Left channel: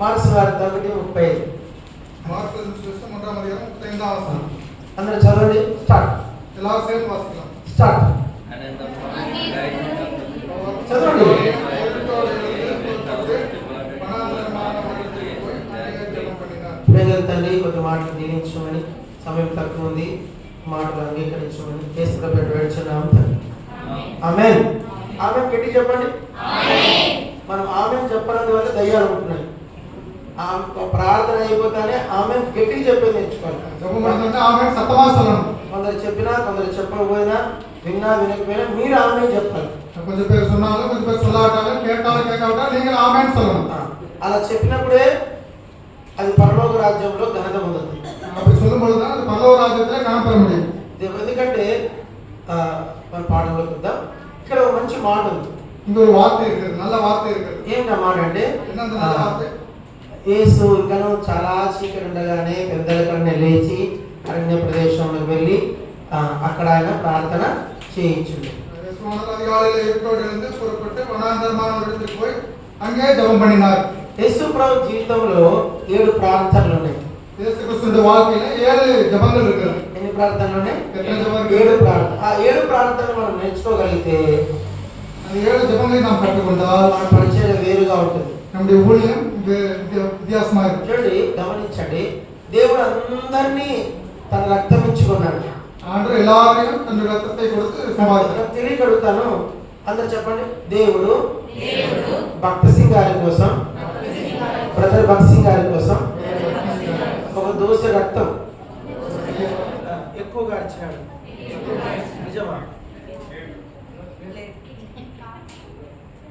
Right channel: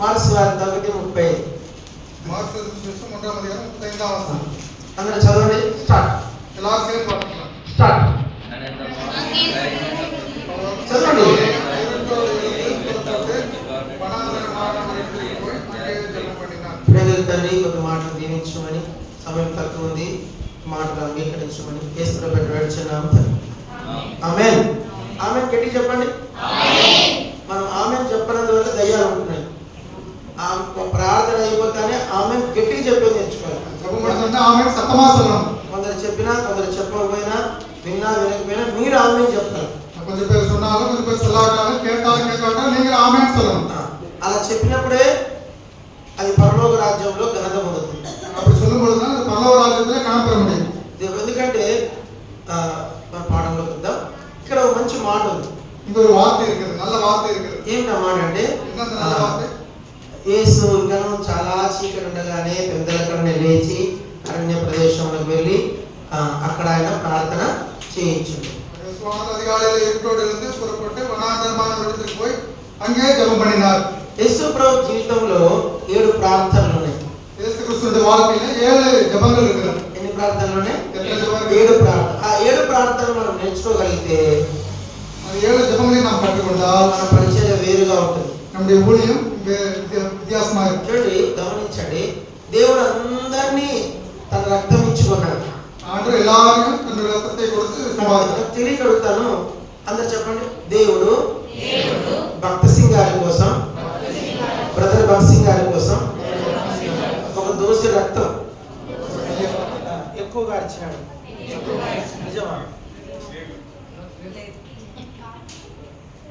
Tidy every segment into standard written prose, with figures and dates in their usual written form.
Marks వార్త 1:35. Marks సువిశేషం 1:35. అందరూ చదవండి. స్టార్ట్. ఎలా సేల్ పడుతున్నా స్టార్ట్. చదవండి. తండ్రి కొన్ని మాటలు దీవించమని, సమయం తక్కువ ఉంది, మాటలు అంగీకరించమని యేసు వేడుచున్నాం. ఆమేన్. ఆమేన్ గట్టి చెప్పండి. మనం ఆమేన్ చెప్పనందువల్ల దయ్యాలు ఉంటున్నాయి. ప్రార్థన అయిపోతానే ఆమేన్ గట్టిగా చెప్పేది నేర్చుకోవాలి. కొందరు చెప్పినా కొందరు చెప్పకపోయినా, విన్నా వినకపోయినా మీరు ఆమేన్ చెప్తారు. అలా చెప్పినప్పుడే అది పరలోక రాజ్యంలో ఘనత పొందుతుంది. ఎందుకంటే మన పాఠంలో వద్దాం. ఇక్కడ ఒక మంచి మాట ఉంది. ఏమిటా మాట అంటే, యేసు గణం చాలా చీకటి ఉండగానే పెద్దల కన్నా లేచి అరణ్య ప్రదేశంలోకి వెళ్ళి అక్కడ ఆయన ప్రార్థన చేయించింది. యేసు ప్రభు జీవితంలో 7 ప్రార్థనలు ఉన్నాయి. ఎన్ని ప్రార్థనలు ఉన్నాయి? 7 ప్రార్థన. ఆ 7 ప్రార్థనలు మనం నేర్చుకోగలిగితే పరిచయం వేరుగా ఉంటుంది. చూడండి, గమనించండి. దేవుడు అందరినీ తన రక్తం ఇచ్చుకున్నాడు. తెలియగలుగుతాను. అందరు చెప్పండి. దేవుడు భక్త సింగ్ గారి కోసం, బ్రదర్ భక్త సింగ్ గారి కోసం ఒక దోసె రక్తం ఎక్కువగా ఇచ్చినాడు. నిజమా?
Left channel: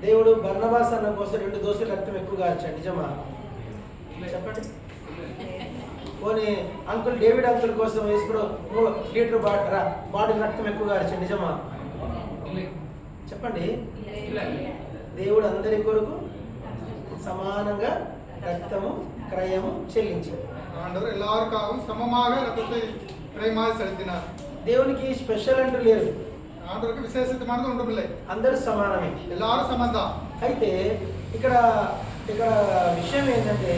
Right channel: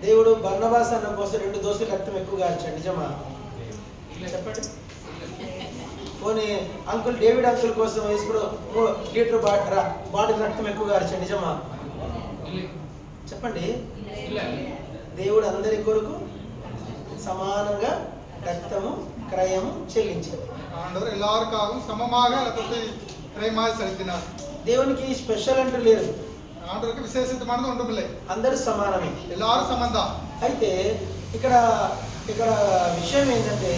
దేవుడు బర్నబాస్ అన్న కోసం 2 దోసెల రక్తం ఎక్కువగా ఇచ్చాడు. నిజమా? చెప్పండి. పోనీ అంకుల్ డేవిడ్ అంకుల్ కోసం 3 లీటర్ బాటిల్ రక్తం ఎక్కువగా ఇచ్చాడు. నిజమా? చెప్పండి. దేవుడు అందరి కొరకు సమానంగా రక్తము క్రయము చెల్లించాడు. దేవునికి స్పెషల్ అంటూ లేరు. అందరూ సమానమే. అయితే ఇక్కడ విషయం ఏంటంటే,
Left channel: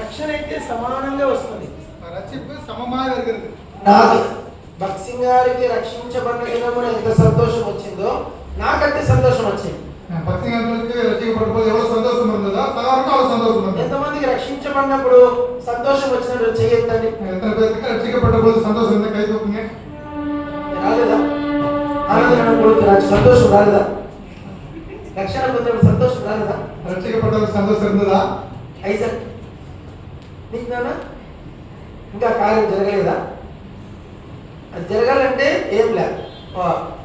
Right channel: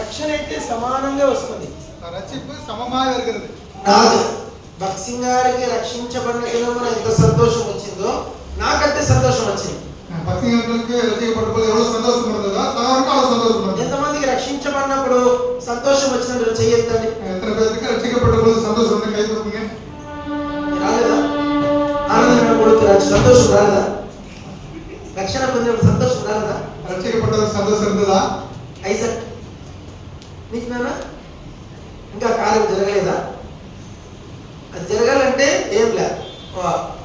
రక్షణ అయితే సమానంగా వస్తుంది. భక్సింగ్ గారికి రక్షించబడిన దినమున ఎంత సంతోషం వచ్చిందో నాకంటే సంతోషం వచ్చింది. ఎంతమందికి రక్షించబడినప్పుడు సంతోషం వచ్చినప్పుడు చేయొద్దండి. రాలేదా? ఆనందం కొడుకు సంతోషం రాలేదా? రక్షణ పొందినప్పుడు సంతోషం రాలేదా? రక్షించబడ్డ సంతోషం ఉందా? ఐజాక్ నీకు నాన్న ఇంకా కార్యం జరగలేదా? అది జరగాలంటే ఏం లేదు,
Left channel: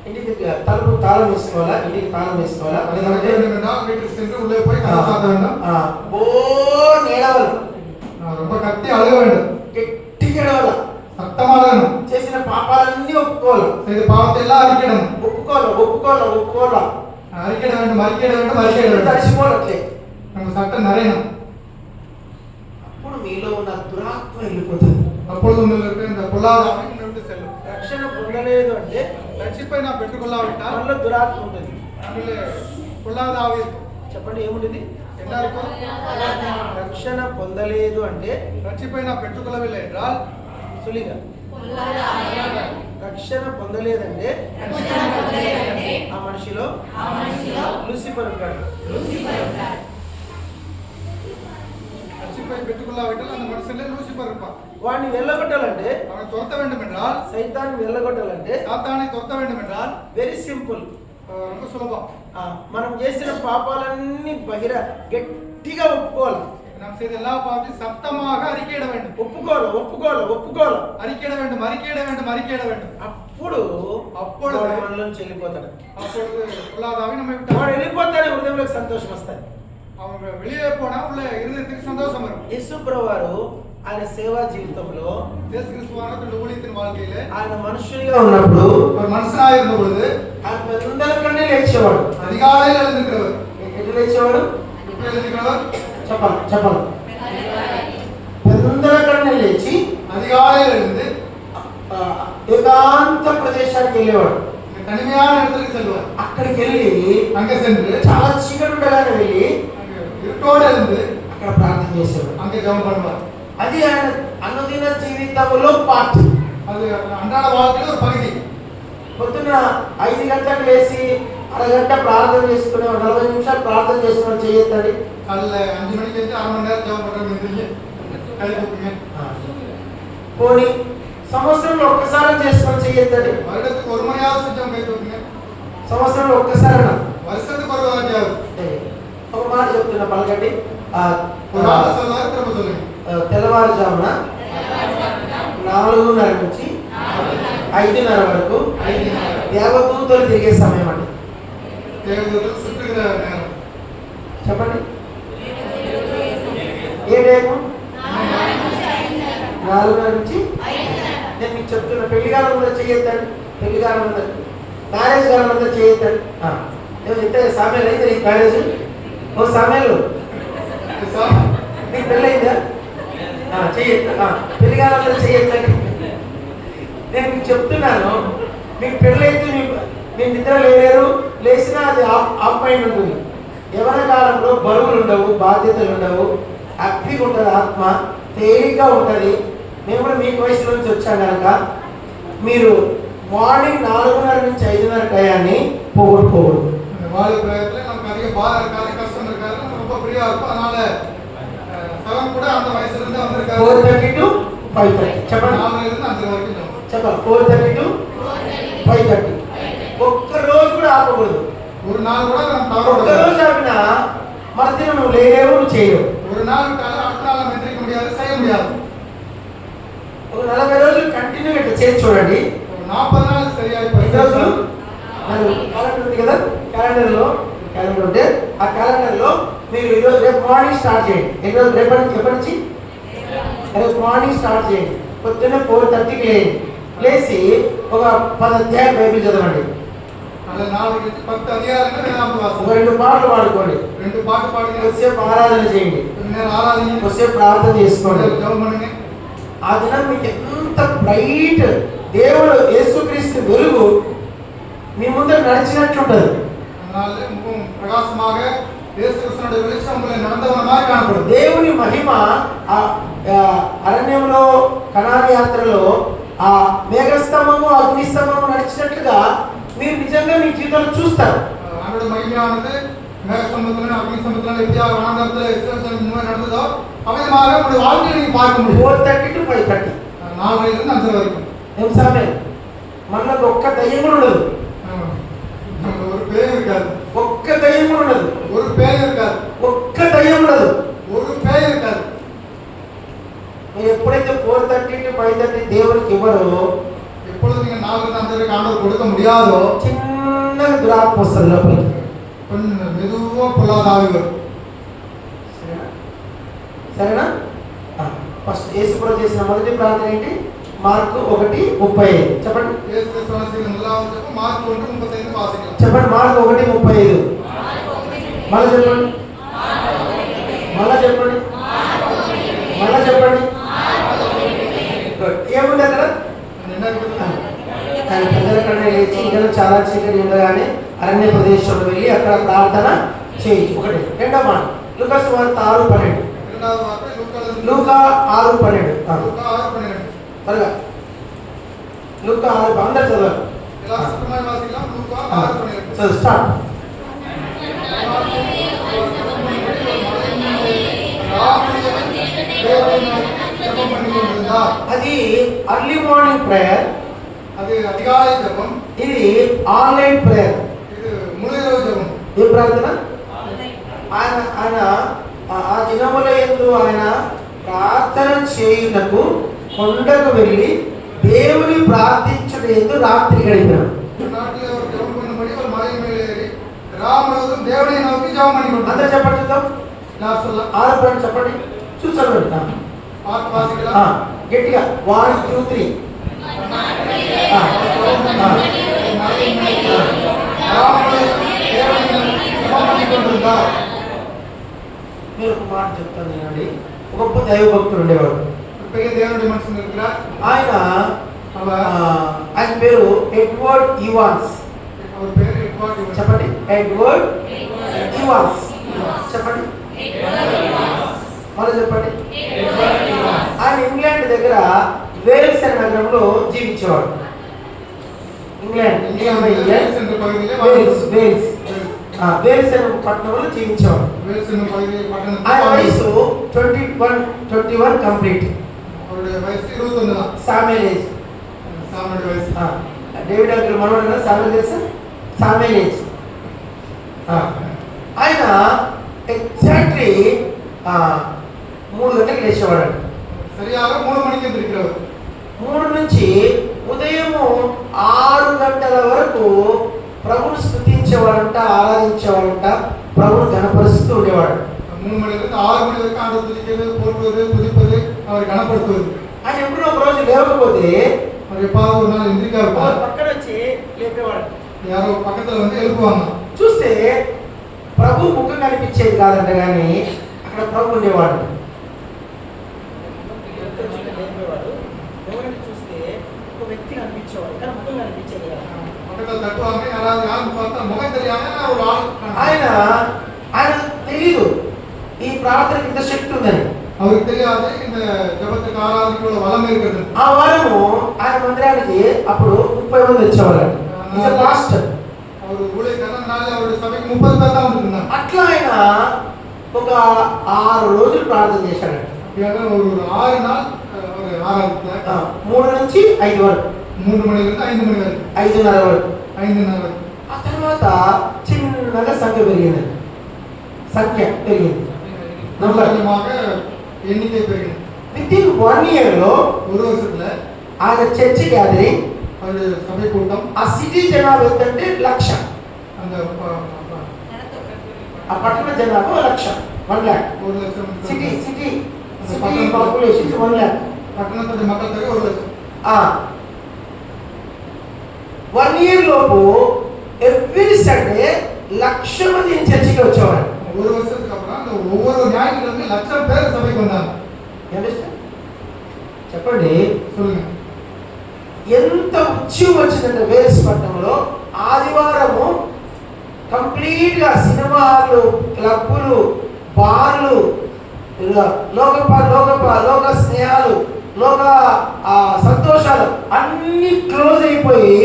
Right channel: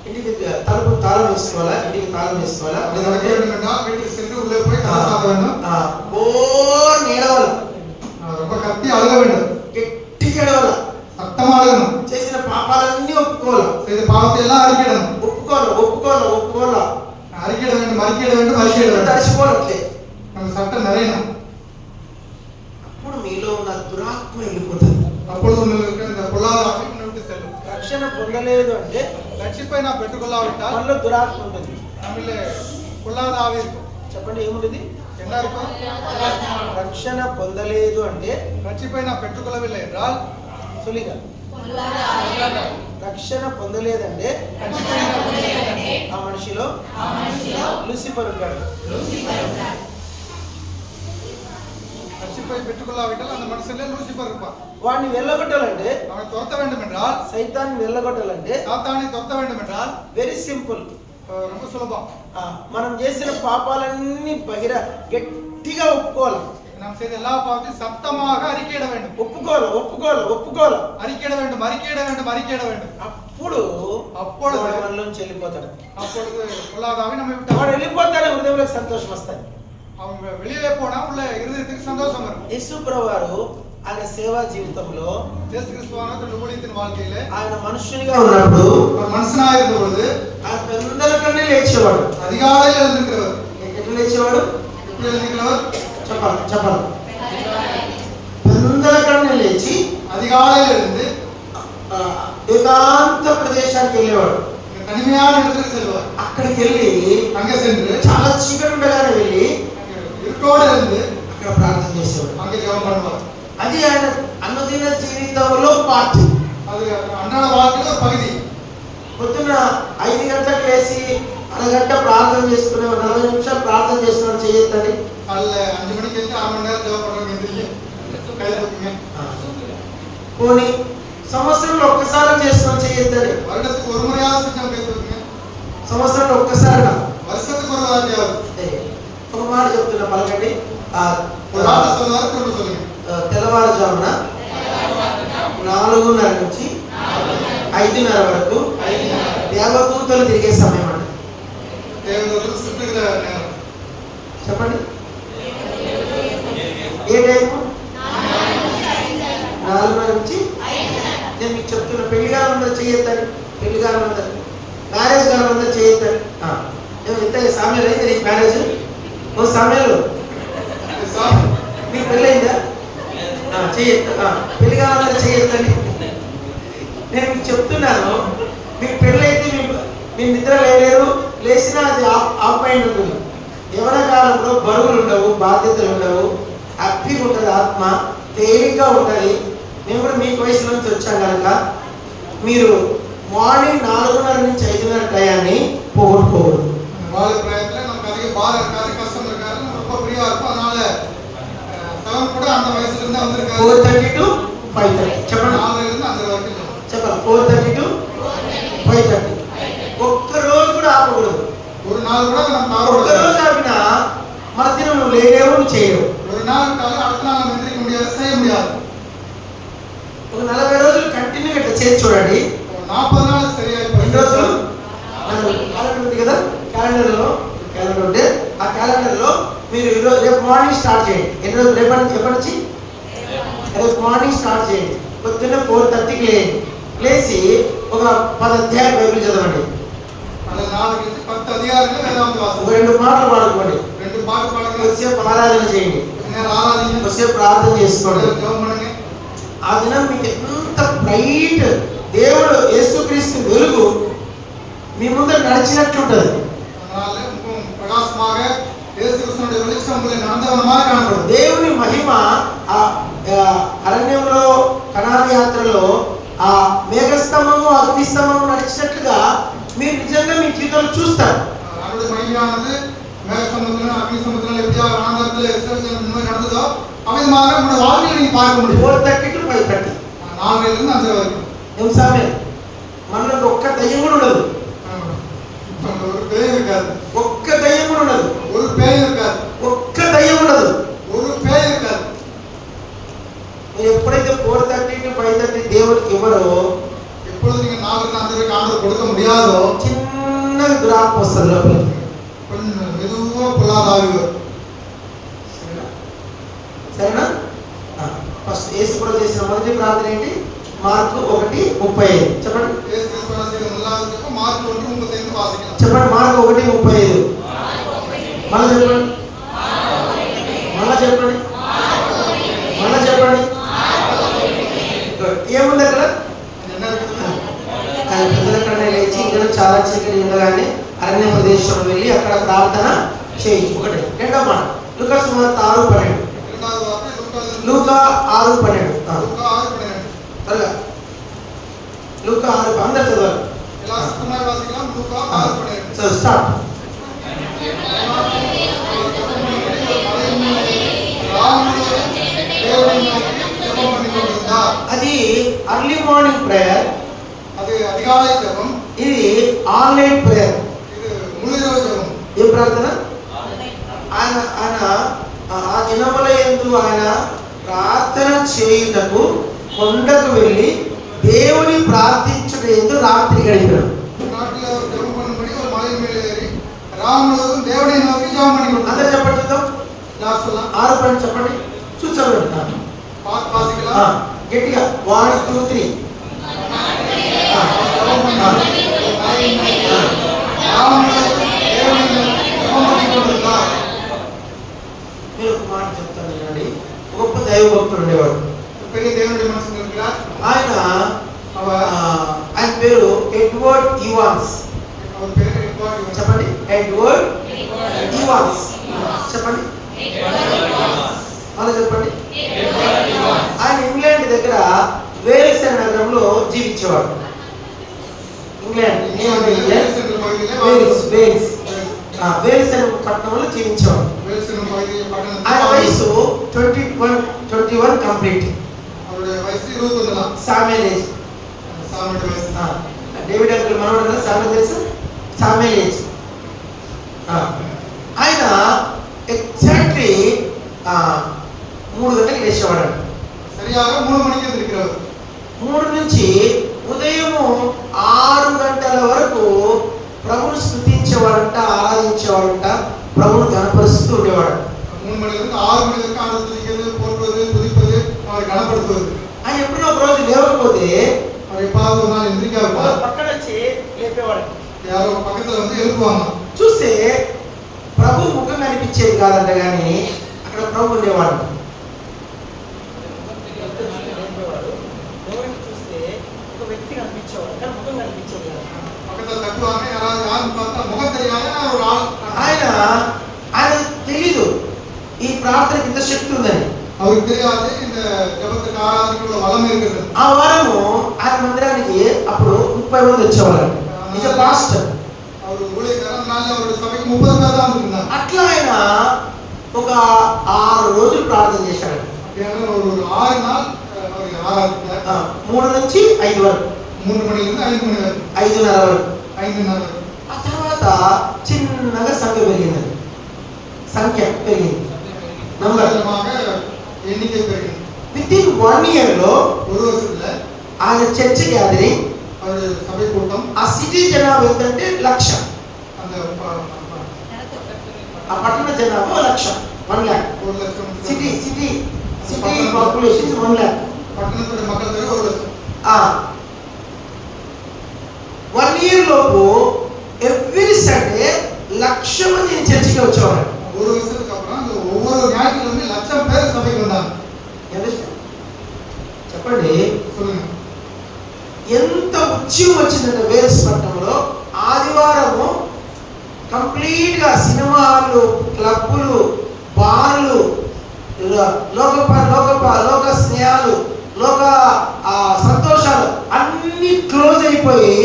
ఇంటికి తలుపు తాళం వేసుకోవాలా, ఇంటికి తాళం వేసుకోవాలా, గట్టిగా ఏడవాలా, చేసిన పాపాలన్నీ ఒప్పుకోవాలా, తడిసిపోవట్లే. అప్పుడు మీలో ఉన్న దురాత్మ వెళ్ళిపోతుంది. రక్షణ పొందలేదు అంటే రక్షిపోయిన పెట్టుకుల్లా ఉంటా మళ్ళీ దురాత్మ ఉంటుంది. చెప్పండి ఏముంటుంది? రక్షణ పొందలేదు అంటే రక్షిపోయిన పెట్టుకుల సులిగా రక్షణ పొందలేదంటే ఆ మనిషిలో లూసిఫర్ ఉంటాడు. వాడిని వెళ్ళగొట్టాలంటే, సైతాన్ని వెళ్ళగొట్టాలంటే వెరీ సింపుల్, సులభం. మనం చేసిన పాపాలన్నీ గట్టిగా ఒప్పుకోవాలి. ఒప్పుకోవాలి. అప్పుడు మనలోంచి వెళ్ళిపోతాడు. వాడు వెళ్ళిపోతాడే హృదయంలోకి సంతోషం వస్తాయి. యేసు ప్రభువారు ఆయన సేవా జీవితంలో ఆయన మనుషునిగా ఉన్నప్పుడు ఆయన పెద్దల కన్నా లేచేవాడు. ఎట్లా లేచేవాడు? చెప్పాలి. పెద్దల కన్నా లేచి ఏకాంత ప్రదేశానికి వెళ్ళేవాడు. అక్కడికి వెళ్ళి చాలా చీకటి వెళ్ళి ఇక్కడ இருந்து అక్కడ ప్రార్థన చేసేవాడు. அங்கே ஜெபம் பண்ணுவார். అది ఆయన అనుదిన జీవితంలో పార్ట్. அது அன்றாட வாழ்க்கையில ஒரு பகுதி. పొద్దున 5 గంటలకు లేచి అరగంట ప్రార్థన చేసుకునే 40 నిమిషాలు ప్రార్థన చేస్తున్నాడు చేయొద్దండి. காலைல 5 மணிக்கு வந்து 1/2 மணி நேரம் ஜெபம் பண்றவங்க எந்திரிங்க கை தூக்குங்க. పోనీ సంవత్సరంలో ఒక్కసారి చేస్తున్నాడు చేయొద్దండి. வருடத்துக்கு ஒரு முறையாவது செஞ்சவங்க கை தூக்குங்க. సంవత్సరంలో ఒక్కసారి வருஷத்துக்கு ஒரு வாட்டியாவது. ఒక మాట చెప్తున్నా పలకండి. ஒரு ஆள சொல்லாரு திரும்ப சொல்லுங்க. తెల్లవారుజామున 4:30 నుంచి 5:30 వరకు దేవదూతలు తిరిగే సమయం అండి. தேவதூதர்கள் சுற்றுகிற நேரம். చెప్పండి ఏ టైం? 4:30 నుంచి. నేను మీకు చెప్తున్నా పెళ్లిగారంలో చేయొద్దండి. పెళ్లిగారంలో మ్యారేజ్ గారంలో చేయొద్దండి. ఇంత సామెలు అయితే నీకు మ్యారేజ్ ఓ సామెలు మీకు పెళ్ళయిందా? చెయ్యొద్దు. పెళ్లిగారంలో చేయొద్దండి. నేను మీకు చెప్తున్నాను, మీకు పెళ్ళైతే మీ నిద్ర లేరు, లేచినా అది ఆఫ్ మైండ్ ఉంటుంది. యవన కాలంలో బరువులు ఉండవు, బాధ్యతలు ఉండవు, హ్యాపీగా ఉంటుంది, ఆత్మ తేలిగ్గా ఉంటుంది. మేము కూడా మీ వయసు నుంచి వచ్చాం కనుక మీరు మార్నింగ్ 4:30 నుంచి 5:30 టయాన్ని పోగొట్టుకోవద్దు. வாழ பிரயத்துல நமக்கு அதிக பாரம் இருக்காது, கஷ்டம் இருக்காது, நம்ம ரொம்ப ஃப்ரீயா இருக்கும். அதனால செவன் கூட அந்த வயசுல இருந்து வந்திருக்காரு. 4:30 to 5:30 చెప్పండి. 4 இருந்து 5 வரைக்கும் చెప్పండి. 4:30 to 5:30 ఒక్క రోజు కూడా ఆపకూడదు. ஒரு நாள் கூட நம்ம ఒక్క தவறக்கூடாது. రోజు ఆపినా మధ్యలో నువ్వు లేనేవు, నువ్వు చేయలేవు. ஒரு நாள் விட்டாலும் அடுத்த நாள் நம்ம எந்திரிக்க முடியாது, செய்ய முடியாது. ఒక 40 రోజులు కంటిన్యూగా ఇట్లా చేసి చూడండి. 40 நாள் சரியா ఎన్ని రోజులు? இப்போ క్యాలెండర్ ఉంది కదా, క్యాలెండర్ ఉంటే ఆ క్యాలెండర్లో మీరు ఈరోజు రేపు మార్నింగ్ స్టార్ట్ చేయండి. ఎన్ని రోజులు? ఎప్పటి నుంచి? రేపు మార్నింగ్ స్టార్ట్ చేయండి. పొద్దున్నే 4:30కి లేండి. లేచి ఒక 10 అధ్యాయాలు బైబిల్ చదవండి. அது நாளைக்கு 10 அதிகாரங்கள் வேதாந்த ఒక வாசம். 2 మాటలు పాడుకోండి. 2 பாட்டு பாடுங்க. కొద్దిసేపు ఆరాధన చేయండి. நேரம் ஆராதிங்க. కొద్దిసేపు ప్రార్థన చేసుకోండి. ஜெபம் பண்ணுங்க. ఆ దినం మీకు ఎంత బ్రైట్ దేవుడు యేసుక్రీస్తు వెలుగు మీ ముందర నడిచినట్లుంటది. அதனால முகம் பிரகாசமாக இயேசு கிறிஸ்துவின் வெளிச்சம் உங்களை நடந்தவனமாக காணப்படும். దేవుని మహిమ ఆ అరణ్యంలో కనాను యాత్రలో ఆ మేఘస్తంభము అగ్నిస్తంభము నడిచినట్లుగా మీరు నిజంగా మీ జీవితంలో చూస్తారు. அவருடைய மகிமையானது மேகஸ்தம்பத்திலும் அக்னிஸ்தம்பத்திலும் எப்படியா வனாந்தரத்தில் இஸ்ரவேல் முன்னாடி நடந்ததோ அவ்விதமாக உங்களுடைய வாழ்க்கையை நீங்க பார்க்க முடியும். 4:30 to 5:30 4 இருந்து 5 வரைக்கும். ఏం సమయం? మనకు ఒక్క దయ్యం కూడా ఉండదు. ஒரு பேய் இருக்காது. ఒక్క దయ్యం కూడా ఉండదు. ஒரு பேய் இருக்காது. ఒక్క దయ్యం ఉండదు. ஒரு பேய் இருக்காது. మీరు ఎప్పుడైతే 4:30 to 5:30 దేవునికి ఇవ్వరో, எப்பொழுது நீங்க 4 இருந்து 5 வரைக்கும் ஆண்டவர் கொடுக்க முடியாதோ చిన్న దురాత్మ వస్తుంది లోపలికి. கொஞ்சம் மெதுவா பொல்லாத ஆவி வரும். సరేనా? ఫస్ట్ యేసు కూడా చేసిన మొదటి ప్రార్థన ఏంటి? మార్కు 1:35 చెప్పండి. இயேசு கிறிஸ்து செய்த முதலாவது மார்க் 1:35 வாசிக்கலாம். చెప్పండి. మార్కు 1:35 మళ్ళీ చెప్పండి. మళ్ళీ చెప్పండి. మళ్ళీ చెప్పండి. ఏముంది అక్కడ? என்ன இருக்குது? ఆయన పెద్దల కన్నా లేచి ఇంకా చాలా చీకటి ఉండగానే అరణ్య ప్రదేశంలో వెళ్ళి అక్కడ ప్రార్థన చేయించు. ఒకటి. రెండో మాట లూకా సువార్త 6:12. இரண்டாவது வார்த்தை లూకా 6:12 லூக்கா 6:12. త్వరగా లూకా 6 అందరు చదవాలి. எல்லா சுத்தமாக வாசிக்கலாம். லூக்கா 6:12. So start. అది అర్లీ మార్నింగ్ ప్రేయర్. அது அதிகாலை ஜெபம். ఇది ఆన్లైన్ ప్రేయర్. இது முழு இரவு ஜெபம். ఏ ప్రార్థన? ఆయన ఆ దినముల యందు ఆయన ప్రార్థన చేయుటకు కొండకు వెళ్ళి దేవుని ప్రార్థించుటకు రాత్రి గడిపాడు. நாட்டில் அவர் ஜெபம் பண்ணும்படி ஒரு மலை மேலே ஏறி ராமுழுவதும் தேவனை நோக்கி ஜெபம் பண்ணி கொண்டார். అందరూ చెప్పండి చూద్దాం. நான் சொல்லலாம். 6 చెప్పండి. చూడండి வாசிக்கலாம். గట్టిగా 1 2 3. నేను ఒక మాట చెప్తాను వినండి. గొప్ప దైవ భక్తుడు ఉండేవాడు. பெரிய தேவனுடைய மனுஷன் இருக்கிறார். ఆయన పేరు ఎడ్వర్డ్ ఈవాన్స్. அவர் பேர் எட்வர்ட் ஈவான்ஸ். చెప్పండి. ఎడ్వర్డ్ ఈవాన్స్ చెప్పండి. మళ్ళీ చెప్పండి. ఆయన ఇంగ్లాండ్ దగ్గర వేల్స్ అనే నగరంలో జీవించేవాడు. ఇంగ్లాండ్ వేల్స్ అనే పట్టణంలో జీవించేవాడు. ఆయన వయసు 21 complete. Samuel age. David uncle మనవాడు కదా, సామ్యుయేల్ తెలుసా? Samuel age. ఆయన ఎగ్జాక్ట్లీ 3 గంటలకు లేచేవాడు. సరిగా 3 మణికి ఎదురుకురావు. 3 నుంచి ఉదయము 6 గంటల వరకు ప్రభువును స్తుతించేవాడంట, ఆరాధించేవాడంట, ప్రభువును గణపరుస్తూ ఉండేవాడు. 3 మణి నుంచి 6 మణి వరకు ఆరాధించేది, పోట్లేదు, తుదిపది, அவர் గణపడుతుంది. ఆయన ఎప్పుడో ఒక రోజు లేవకపోతే మరి పాలు నాలు ఎందుకు పక్కన వచ్చి లేపేవాడు. యారో పక్కన வந்து எழுப்புவாங்க. చూస్తే ప్రభు ముఖం కనిపించేది కాదంట, కానీ అక్కడ ప్రభు ఉండేవాడు. ఎవరిని చూస్తే ఒక వ్యక్తి కనిపించేవాడు, కానీ ముఖం కనిపించేది కదా. ఆయన తెలీదు ఈ ప్రార్థనకి ఇంత శక్తి ఉందని. ఆ వరము ఆయన మందిరానికి అప్పుడు 30 మంది వచ్చేవారు. అట్లా ఆయన ఒక 6 రోజులు ప్రార్థన చేశాడు. 3 నుంచి 5 వరకు, 3 మణి నుంచి 5 మణి వరకు, 5:30 వరకు. 5:30. ఆ తర్వాత చిన్నగా సంఖ్య పెరిగింది. ఎన్నికై పెరిగింది. వితిన్ 1 ఇయర్ లో ஒரு வருஷத்துல ఆయన చర్చ్ గ్యాదరింగ్, సభ కూటం, ఆ సిటీ జనాభా ఎంతంటే 1,00,000. ఆ పట్టణ జనాభా 1,00,000, 1,00,000. City population 1,00,000. పట్టణంలో మక్కల దగ్గర 1,00,000. 1 ఇయర్ లోపు ఎవ్రీ సండే 1,00,000 మంది చర్చికి వచ్చేవారు. ஒரு வருஷத்துக்கு அப்புறம் அந்த ஒவ்வொரு ஞாயிற்றுக்கிழமை 1,00,000 பேர் சபைக்கு வந்தாங்க. చెప్పండి, சொல்லுங்க. ఎంత ఉద్యమం వచ్చిందంటే వేల్స్ పట్టణంలో ఆదివారము కంప్లీట్ గా సినిమాలు, క్లబ్బులు, బార్లు, లోక స్నేహాలు, లోక సంతోషాలు అన్ని క్లోజ్ అయిపోయి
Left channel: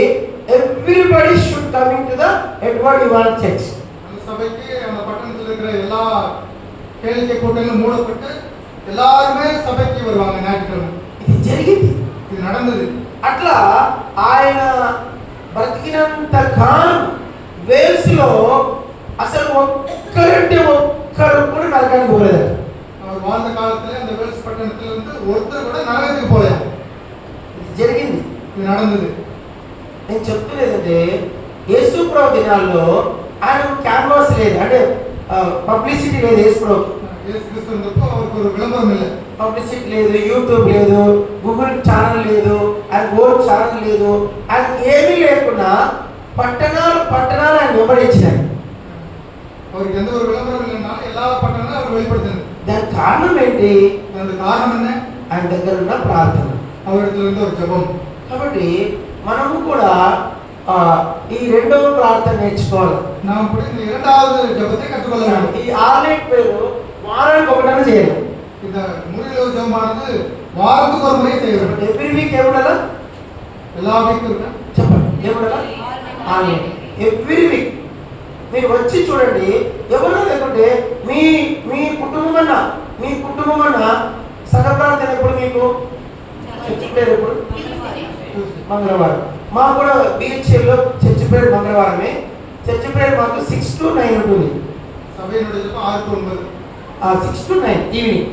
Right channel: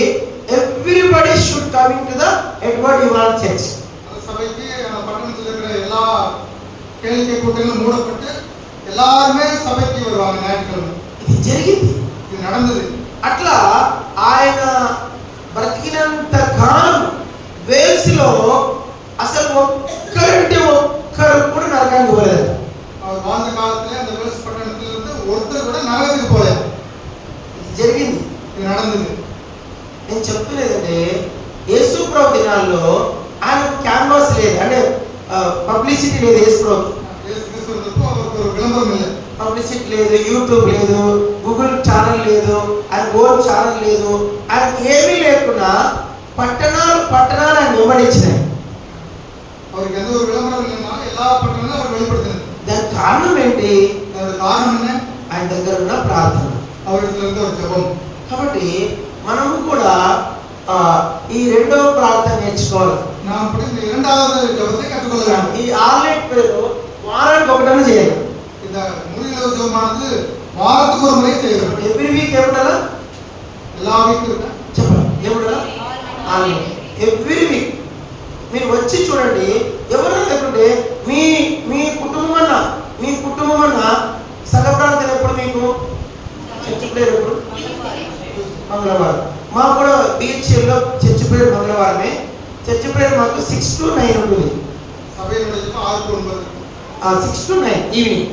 everybody should coming to the Edward Evan church. சபைக்கு அந்த பட்டணத்தில் இருக்கிற எல்லா கேளிக்கை கூட்டங்களும் மூடப்பட்டு எல்லாருமே சபைக்கு வருவாங்க ஞாயிற்றுக்கிழமை. ఇది జరిగింది, ఇది நடந்தது. అట్లా ఆయన బ్రతికినంత కాలం వేల్స్ లో అసలు ఒక్కరు కూడా నరకానికి పోలేదు. அவர் வாழ்ந்த காலத்துல அந்த வேல்ஸ் பட்டணத்துல இருந்து ஒருத்தர் கூட நரகத்துக்கு போలేదు. ఇది జరిగింది, ఇది நடந்தது. నేను చెప్తున్నదంటే యేసు ప్రభు దినాల్లో ఆయన క్యాన్వాస్ లేదు, అంటే పబ్లిసిటీ లేదు. యేసు ప్రభు ஒரு விளம்பரம் இல்லை, పబ్లిసిటీ లేదు, యూట్యూబ్ లేదు, గూగుల్ ఛానల్ లేదు, ఆయన ఓన్ ఛానల్ లేదు, ఆయన ఏమీ లేకుండా పట్టణాలు ఆయన వెంబడించినాయి. அவருக்கு எந்த ஒரு விளம்பரம் இல்லைன்னா எல்லா పట్టణాలను அவர் வெளிப்படுத்தினார். దానికి కారణం ఏంటి? దానికి కారణం என்ன? ఆయన దగ్గర ఉన్న ప్రార్థన, அவரிடத்துல இருந்த ஒரு ஜெபம். కాబట్టి మనము కూడా ఈ రెండవ ప్రార్థన నేర్చుకోవాలి. நாம் కూడా இந்த இரண்டாவது ஜெபத்தை கற்றுக்கொள்ளலாம். ఈ ఆర్లైట్ పేరు వారానికి ఒకటైనా చేయాలి. இந்த மூலிలో ஜெபமானது వారానికి ஒரு முறை செய்யணும். ఎవ్రీ వీక్ ఎవడలా எல்லா వీక్ చెప్పండి, ఎవడలా ఆర్లైట్ ఎవ్రీ వీక్. మీరు వచ్చి చూడండి, ఎవరు లేకుంటే మీ కుటుంబం అన్న సగ ప్రార్థన ఎప్పుడు మీకు చర్చి ప్రేయర్ ఎప్పుడు? మంగళవారం. మాకు కూడా బిహెచ్ఎల్లో చర్చి ప్రేయర్ మంగళవారమే. చర్చి ప్రేయర్ మాకు 6 to 9 ఉంటుంది. సభ్యుల 6 to 9, 6 to 9 ఈవినింగ్.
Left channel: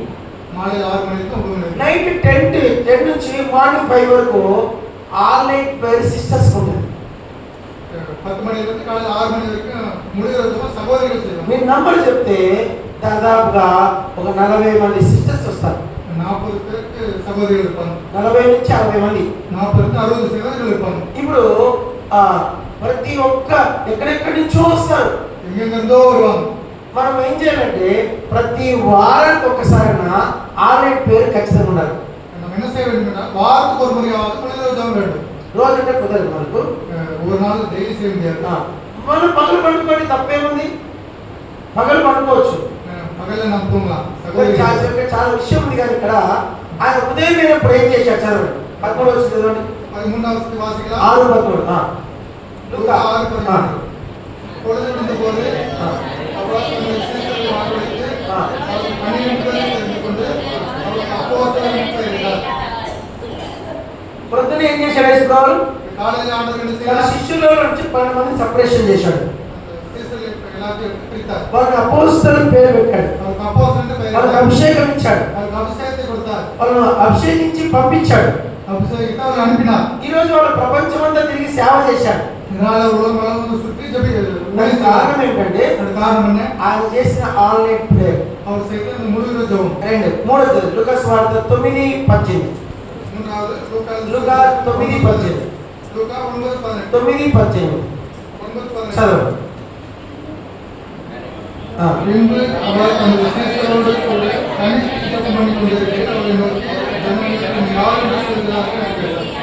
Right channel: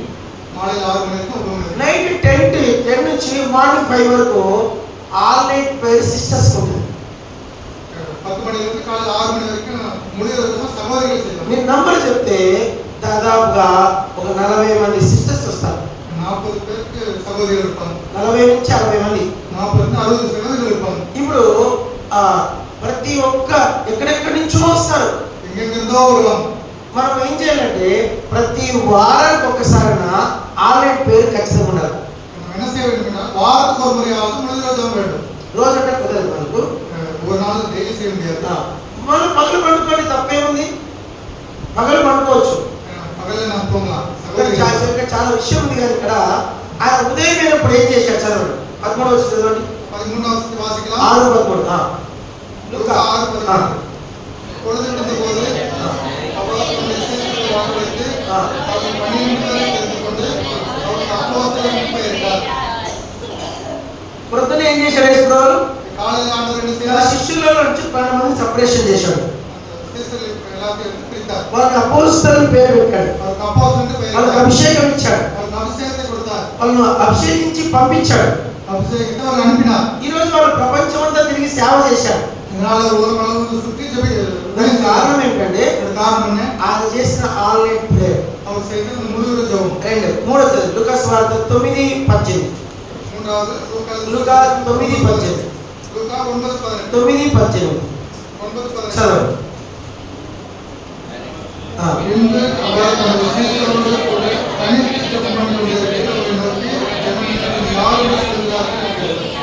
మార్నింగ్ 6 నుంచి 9, నైట్ 10 నుంచి మార్నింగ్ 5 వరకు ఆన్లైన్ ప్రేయర్ సిస్టర్స్ ఉంటుంది. 10 మణి నుంచి కాలేజ్ 6 మణి వరకు ముడి రోజున సభోదరులు చేస్తారు. మీరు నంబర్ చెప్తే దాదాపుగా ఒక 40 మంది సిస్టర్స్ వస్తారు. 40 பேருக்கு సభోదరులు இருப்பாங்க. 40 నుంచి 60 మంది, 40 నుంచి 60 సభోదరులు இருப்பாங்க. ఇప్పుడు ప్రతి ఒక్క ఎక్కడెక్కడి నుంచో వస్తారు, ఎక్కడెక్కడో வருவாங்க. మనం ఏం చేయాలంటే ప్రతి వారానికి ఒక్కసారైనా ఆన్లైన్ పేరు ఖచ్చితంగా ఉండాలి. మనం என்ன செய்ய வேண்டும்? வாரத்துக்கு ஒரு முறையாவது முடி రోజు வேண்டும். రోజు అంటే కుదరదు మనకు, ஒரு நாள் డైలీ செய்ய முடியாது. మనం పగలు పండుకోండి, తప్పేముంది? పగలు పండుకోవచ్చు, పగలు చాలా విషయం ఉంది కానీ ఇక్కడ ఆయన ఉదయం అయినప్పుడు ఏం చేశాడు చదవండి 13 వచ్చి చదవండి 13వ వాసికల 6:13 లూకా 6:13 పొడదొడితే పోదే అపవాసులు విశ్వాసులు వాడబడితే వాళ్ళు 12 తెలుసుకుంటే వాళ్ళు అపవాసులు నింపారు. ప్రొద్దున ఏం చేశాడు యేసుప్రభు? కాలేజీ ఆందోళన శిష్యుల నుంచి 12 మంది సెపరేషన్ చేశాడు. ఎలా పిలుస్తారు? వాళ్ళకి అపోస్తలుని పేరు పెట్టాడు. వాళ్ళకి అపోస్తలుని పేరు వాళ్ళకి అభిషేకం ఇచ్చాడు. వాళ్ళకి అభిషేకం కొడతారు. వాళ్ళను అభిషేకించి పంపించాడు. అభిషేకించి వాళ్ళు అనిపినారు. ఈ రోజు వాళ్ళు ప్రపంచమంతా తిరిగి సేవ చేశాడు. దానికి కారణం ఏంటంటే ఆయన చేసిన ఆన్లైన్ ప్రేయర్. 2 లూకా సువార్త 9:18 లూకా 9:18 9:18 చదవండి.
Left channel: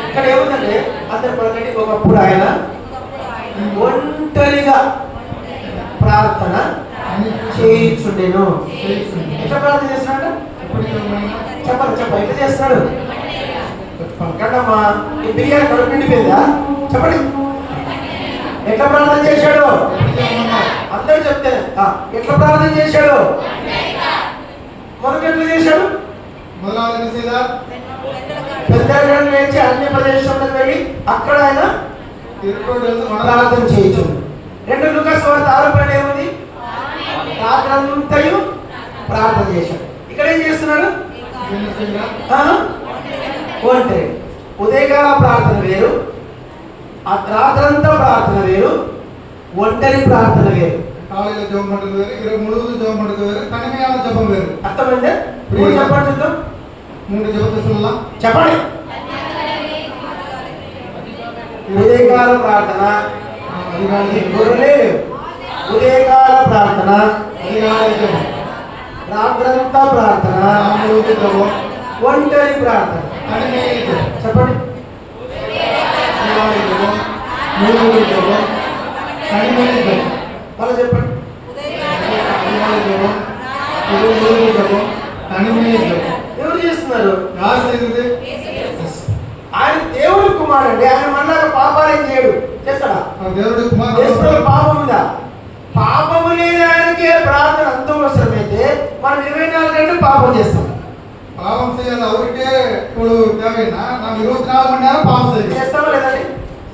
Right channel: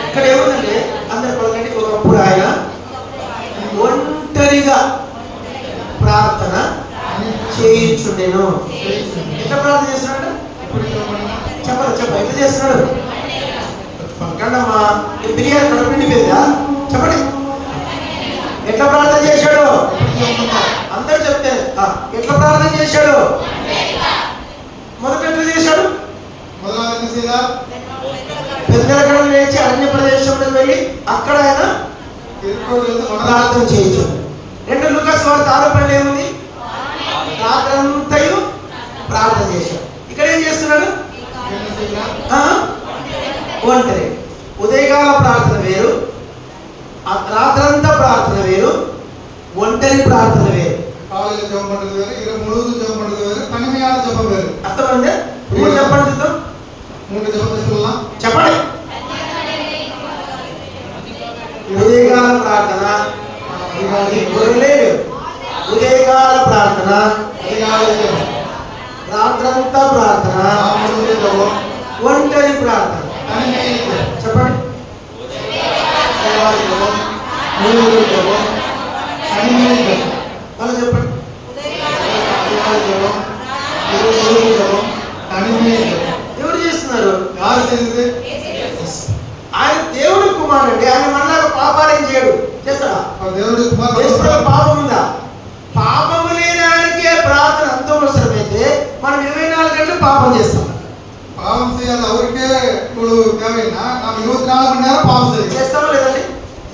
ఇక్కడ ఏముందంటే అందరి ఒకప్పుడు ఆయన ఒంటరిగా ప్రార్థన చేయించుండేను. ఎట్లా ప్రార్థన చేస్తున్నాడు చెప్పండి ఎట్లా చేస్తున్నాడు? పక్కనమ్మా ఈ బిర్యానీ కడుపు నిండిపోయిందా చెప్పండి. ఎట్లా ప్రార్థన చేశాడు? అందరూ చెప్తే ఎట్లా ప్రార్థన చేశాడు? మొదట ఎట్లా చేశాడు? పెద్దలు లేచి అన్య ప్రదేశంలో వెళ్ళి అక్కడ ఆయన ప్రార్థన చేయొచ్చు. 2 లూకా సువార్త 6:12 ఏముంది? రాత్రంతయు ప్రార్థన చేశాడు. ఇక్కడ ఏం చేస్తున్నాడు? ఒంటరి. ఉదయకాల ప్రార్థన వేరు, రాత్రంతా ప్రార్థన వేరు, ఒంటరి ప్రార్థన వేరు. అర్థమైందా? 3 చెప్పండి చూద్దాం. 3 చెప్పండి. ఉదయకాల ప్రార్థన ఉదయకాల ప్రార్థన, రాత్రంతా ప్రార్థన, ఒంటరి ప్రార్థన. చెప్పండి. వాళ్ళు చెప్పండి. ఎవరు చేస్తున్నారు? ఆయన దేవుడి కుమారుడు. ఆయన మళ్ళా పాపాలు ఏం చేయడు. చేస్తాడా? పాపం ఉందా? పాపము లేని ఆయనకే ప్రార్థన అంత అవసరమైతే మనం 24 గంటలు పాపం చేస్తాం. పాపం చేయాలి ఎవరికే ఇప్పుడు దేవైనా నాకు 24 మణి నేరం పాపం చేస్తామా లేదండి?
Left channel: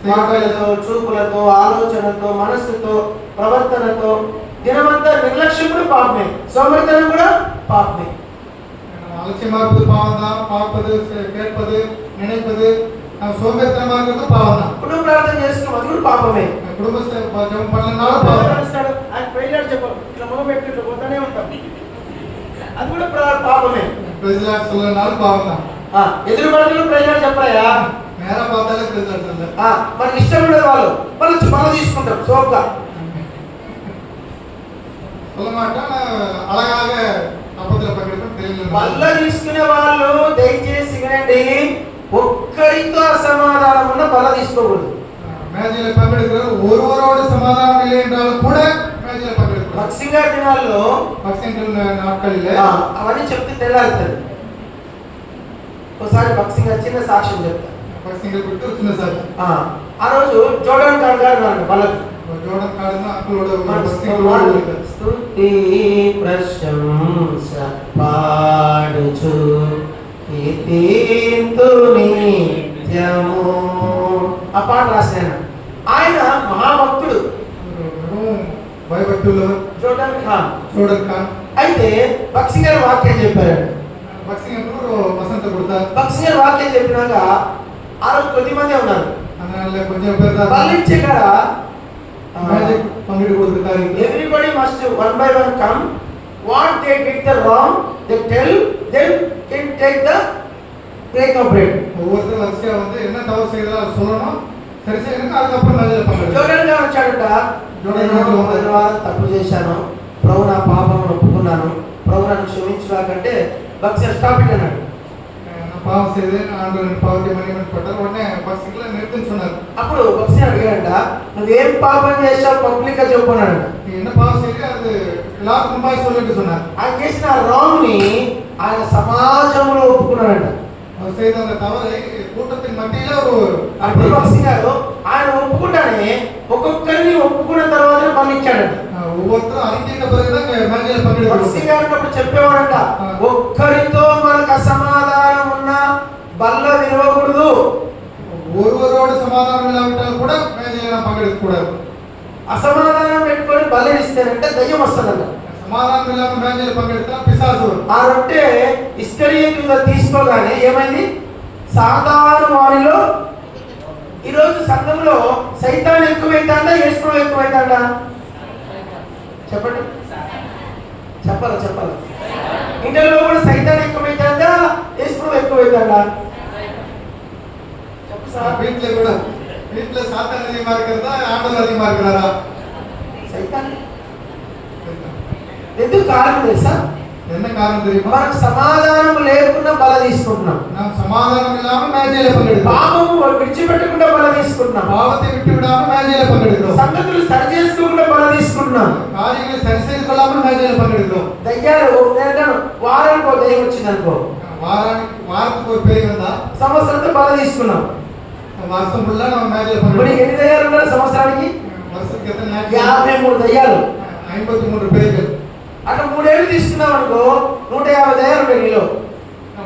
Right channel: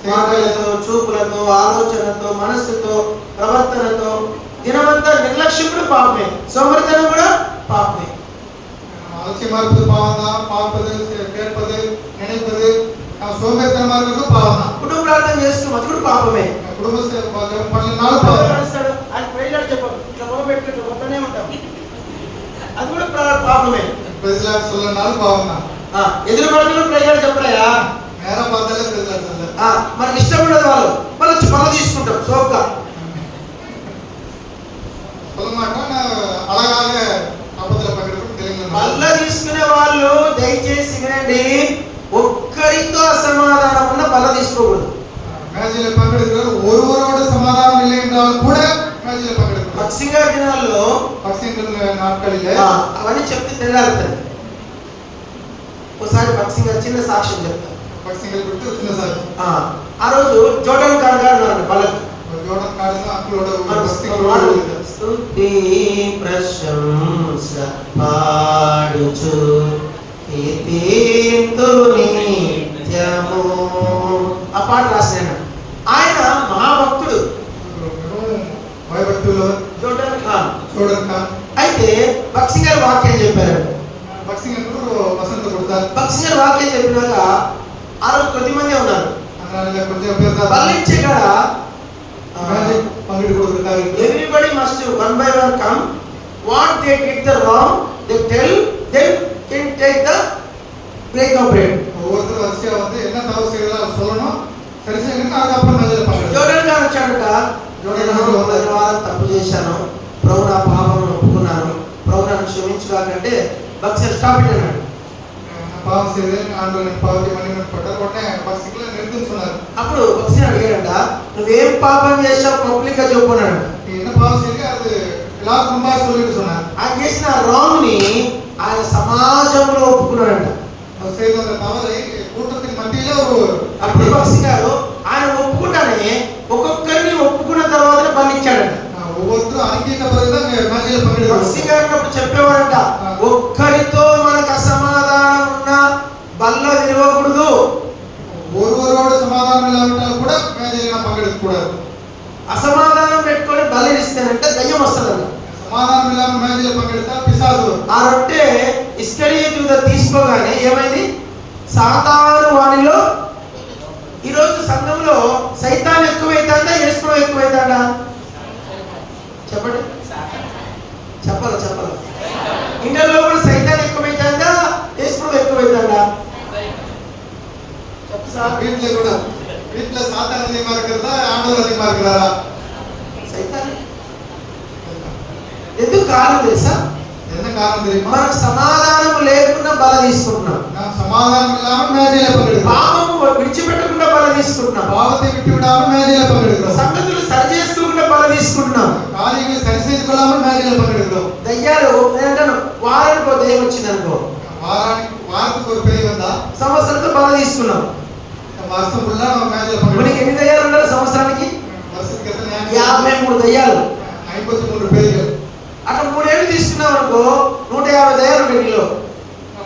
మాటలతో, చూపులతో, ఆలోచనతో, మనస్సుతో, ప్రవర్తనతో దినమంతా నిర్లక్ష్యం కూడా పాపమే, సోమరితనం కూడా పాపమే. ஆட்சி மார்பது பாவம் தான், பார்ப்பது, கேட்பது, நினைப்பது, సోమరితనం మార్గంలో పావన. కుటుంబ ప్రార్థన చేస్తున్నాం, అది కూడా పాపమే. కుటుంబ పనులు పావన. ఆయన ప్రేయర్ చెప్పారు, ఇట్లా మొదలు పెట్టుకుంటూ పోతూనే ఉంటాం, అది కూడా పాపమే. ప్రెసిడెంట్ சொல்லனால పావన. ఎదురు వాళ్ళకి ప్రేయర్ చెప్పరాయా? మేరా బాధలే ప్రెసిడెంట్ అల్ల. మనకి ఇష్టం ఉండదు, వాళ్ళు పనులు తీసుకుంటారు సోగ్గా. పొలమాట అలాగే అబద్ధాలు పగడడం తెలియదు. వల్ల తీసుకునే వాళ్ళు దయచేసి వినండి, ఒక్కరితో అసమాధానం ఉన్న వల్ల తీసుకోకూడదు. మేజీల పగడడం ఓరోడ సమాధానం ಇಲ್ಲ என்றால் ಕೂಡ మేజీల పగడడం. బక్సింగ్ గారి దినాల్లో నాటకాలే అవన్నీ చెప్తే తెల్లారుతుంది. ఒకసారి బక్సింగ్ గారు చిన్న సాక్ష్యం చెప్తారు. బక్సింగ్ గారు గుర్తు చిన్న సాక్ష్యం. ఆ రోజు జోర్డాన్ గారు అన్నారు వాళ్ళకి, జోర్డాన్ గారు అప్పుడు స్తుతి ప్రశంస పాడుచు కీర్తింతును నిత్యము. ఆ పాట రాశాను. ఆయన మహాభక్తుడు, భయభక్తులు జోర్డాన్ ఖాన్. అయితే బక్సింగ్ గారు వాక్యం చెప్పారు. బక్సింగ్ గారు వసంత కొడతారు. బక్సింగ్ గారు వాక్యం చెప్పినాక ఆ రోజు 10 మంది ఉన్నారు. వాళ్ళిచ్చే కదా everybody must one by one come. What they did the wrong, they tell them can take the break of bread. ஒவ்வொரு வருஷம் வந்து என்ன தவறு செய்யறா சொல்லணும், சரி செய்யணும், அதுக்கப்புறம் மேஜர் பண்ணணும். జోర్డాన్ గారు వచ్చాడట, జోర్డాన్ తప్పు చేశాను, ప్రభు నా పాపమును ఒప్పుకున్నాను, ప్రభు నన్ను క్షమించుగాకంటే బక్సింగ్ స్టాప్ ఇట్ అన్నాడు. పాపం చేస్తే ఆందోళన పాపం మనీ పట్టారు కొట్టే బక్సింగ్లో నిర్దించున్నారు. అప్పుడు బక్సింగ్ అడిగాడంట, నువ్వేం పాపం చేసావు పబ్లిక్ గా చెప్పుకున్నాడు. என்ன பாவம் செய்து அது எல்லாருக்கும் முன்னாடி சொல்லிட்டு சொன்னார். ఆయన చేసిన రాంగ్ ని தவறை கூட்டத்தின் மத்தியிலே ஒரு భక్తి గారు ఆయన ఒప్పుకుంటానే ఒక్కొక్కరిని ఒప్పుకున్న తర్వాత మరణించాడంట. ஒவ்வொருத்தரும் அறிக்கைக்கு பிறகுதான் மேஜையில பங்கெடுக்கிறாங்க. భక్తి గారు అప్పుడు చెప్పేవాడంట, ఒక్కరితో మనకు అసమాధానం ఉన్న బల్ల విరవకూడదు, ஒருவரோடு சமாதானம் இல்லாவிட்டால் கூட மேஜையில பங்கெடுக்க கூடாது. అసమాధానం పెట్టుకొని బలిస్తానంటే దయ్యం వస్తుందంట. సమాధానం ఇல்லாమ మేజైలో పగెడతా పిశాసు. ఆ రొట్టె ఇస్కరియోతు తీసుకోగానే ఏమైంది? సాతాను వారిలో ఈరోజు సంఘంలో సైతాన్ ఎక్కువైతాడా యేసు ఎక్కువైతాడా? చెప్పండి, చెప్పాలి. ఇండియాలో కూడా సైతాన్ ఎక్కువైతాడా యేసు ఎక్కువైతాడా? చెప్పు సార్. வீட்டுல சாத்தான் அதிகமா இருக்கிறதா ஆண்டவர் அதிகமா இருக்கிறாரா? సైతాన్. ఎందుకు కారణం తెలుసా? என்ன காரணம் தெரியுமா? మనం సమాధానం లేకుండా బల తీసుకుంటున్నాం. நாம் சமாதானம் இல்லாம மேஜையில பங்கெடுக்கிறோம். పాపము విడిచిపెట్టకుండా బల తీసుకుంటున్నాం. பாவத்தை விட்டு விடாம மேஜையில பங்கெடுக்கிறோம். సంగతులు సరి చేసుకోకుండా బల తీసుకుంటున్నాం. కార్యాలు సరి చేసుకోవాలని మేజైలో పగెడుக்கிறோம். దయ్యాలు ఏంటంటే వారానికి ఒక దయ్యం వచ్చింది అనుకో, వారానికి ఒక పేరు ఉందా, సంవత్సరంతో బల తీసుకున్నాం. వర్షం ఫుల్లా మనం మేజైలో ఇప్పుడు పగెడుக்கிறோం. ఎన్ని దయ్యాలు ఉన్నారు సంవత్సరానికి? వర్షం కింద 53 దయ్యాలు, 53 పేర్లు. అట్లా 3 ఏళ్ళు తీసుకున్నాం అనుకో 150 దయ్యాలు ఉంటాయి నీలో.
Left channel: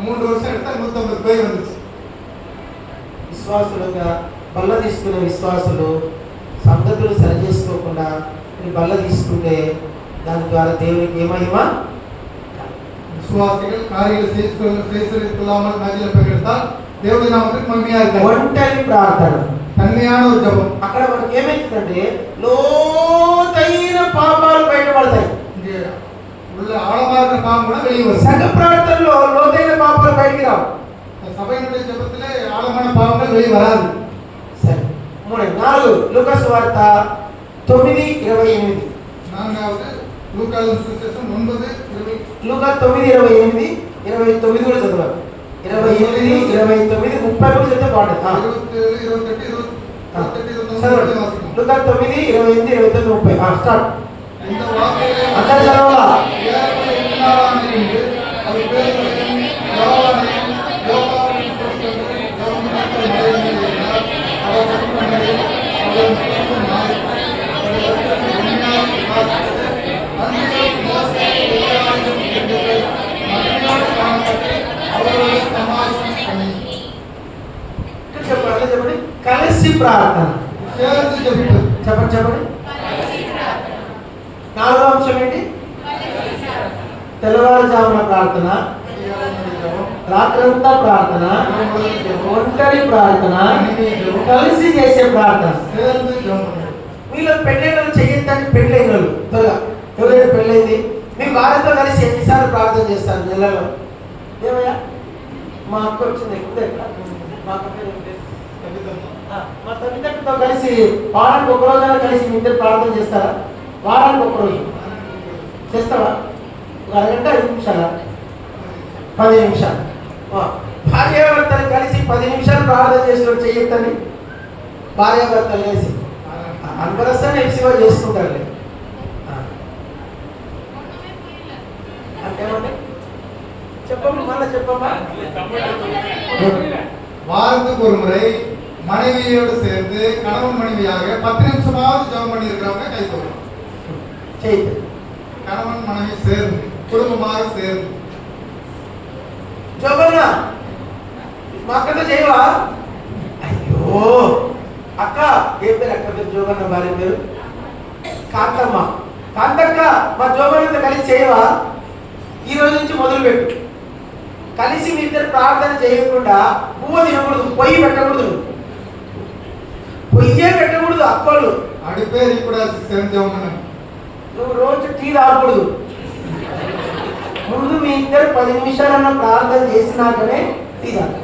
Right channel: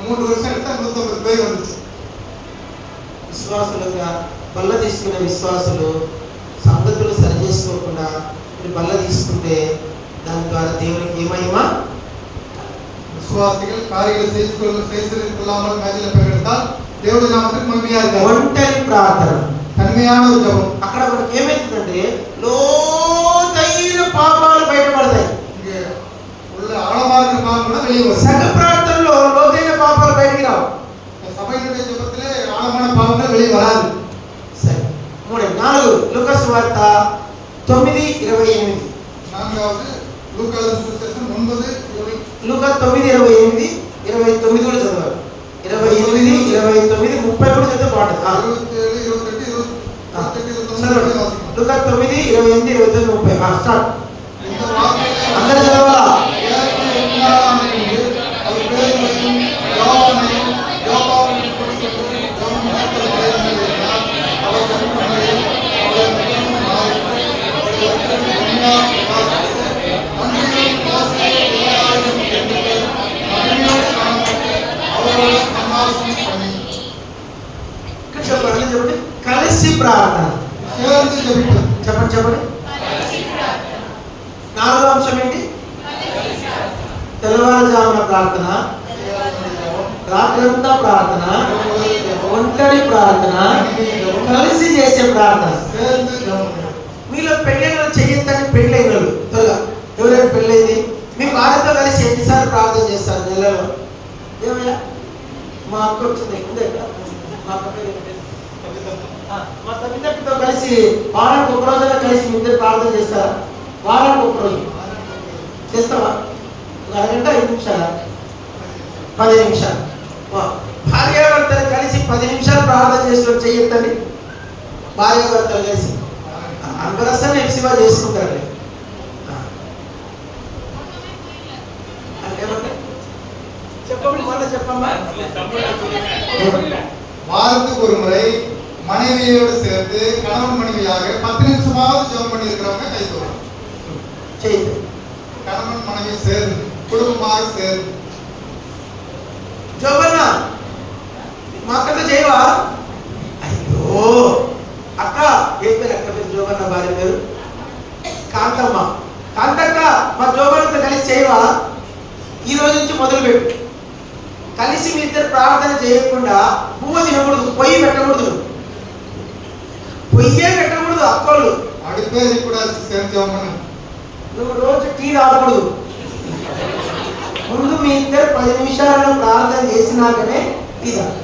3 வருஷம் எடுத்தா 150 பேர் வந்துச்சு. విశ్వాసులుగా బల్ల తీసుకునే విశ్వాసులు సంగతులు సరి చేసుకోకుండా బల్ల తీసుకుంటే దాని ద్వారా దేవునికి ఏమయ్యమా? విశ్వాసిகள் కార్యాలు செய்துகொள்ளாமல் மேஜையில பகெடுத்தால் దేవుడి నామమునకు మహిమ కలుగును. ఒంటరి ప్రార్థన, కన్యయాన జపం. అక్కడ మనకి ఏమైతుందంటే లోతైన పాపాలు బయటపడతాయి. உள்ள ஆழமாக பாவம் கூட வெளியே வரும். సంఘ ప్రార్థనలో లోతైన పాపాలు బయటికి రావు. సభైనుடைய జపத்திலே ఆழమైన పాపங்கள் வெளியே வராது. సరే, 4 లూకా సువార్త 9:28. నాలుగవది లూకాసు సువిశేషం 9:20. లూకా 9:28, 29 కూడా చదవాలి. 28, 29, 30 కూడా చదివితే బాగుంటుంది. 27, 28, 29 లూకా 9, 28, 29, 30. స్టార్ట్. இந்த வார்த்தையிலே అందరూ చదవాలా? చెప్పండి. కలిసి ప్రార్థన. చెప్పండి. 4వ అంశం ఏంటి? తెల్లవారుజామున ప్రార్థన, రాత్రంతా ప్రార్థన, ఒంటరి ప్రార్థన, కలిసి చేసే ప్రార్థన. మీలో పెళ్ళైన చెయ్యొద్దని పెళ్ళైన వాళ్ళు త్వరగా ఎవరైనా పెళ్ళైంది మీ భార్యతో కలిసి ఎన్నిసార్లు ప్రార్థన చేస్తారు నెలలో? ఏమయ్యా మా అక్క వచ్చింది మా అక్క పేరు మా తల్లిదండ్రులతో కలిసి వారానికి ఒక రోజైనా కలిసి ఇద్దరు ప్రార్థన చేస్తారా? వారానికి ఒక రోజు చేస్తావా? అరగంట 5 నిమిషాలా? 10 నిమిషాలు. భార్యాభర్తలు కలిసి 10 నిమిషాలు ప్రార్థన చేసిన చెయ్యొద్దండి. భార్యాభర్తలు కలిసి అనుభవసాన్ని ఎక్సివా చేసుకుంటారులే. అంటే ఏమంటే చెప్పమ్మా, మళ్ళీ చెప్పమ్మా. வாரத்துக்கு ஒரு முறை மனைவியோடு சேர்ந்து கணவன் மனைவியாக 10 நிமிஷமாவது ஜெபம் பண்ணி இருக்கிறவங்க கை தூக்கலாம். செய்து கணவன் மனைவி சேர்ந்து குடும்பமாக சேர்ந்து జోబన్న మా అక్కతో చేయవా? అయ్యో అక్క, ఏ పేరు అక్క పేరు? జోబన్న భార్య పేరు కాంతమ్మ. కాంతక్క, మా జోబన్నతో కలిసి చేయవా? ఈ రోజు నుంచి మొదలుపెట్టు. కలిసి మీ ఇద్దరు ప్రార్థన చేయకుండా పువ్వు తినకూడదు, పొయ్యి పెట్టకూడదు, పొయ్యే పెట్టకూడదు. అక్కోళ్ళు అడిపేది కూడా సేవించామని నువ్వు రోజు టీ తాగకూడదు. ముందు మీ ఇద్దరు 10 నిమిషాలను ప్రార్థన చేసినాకనే టీ తాగు.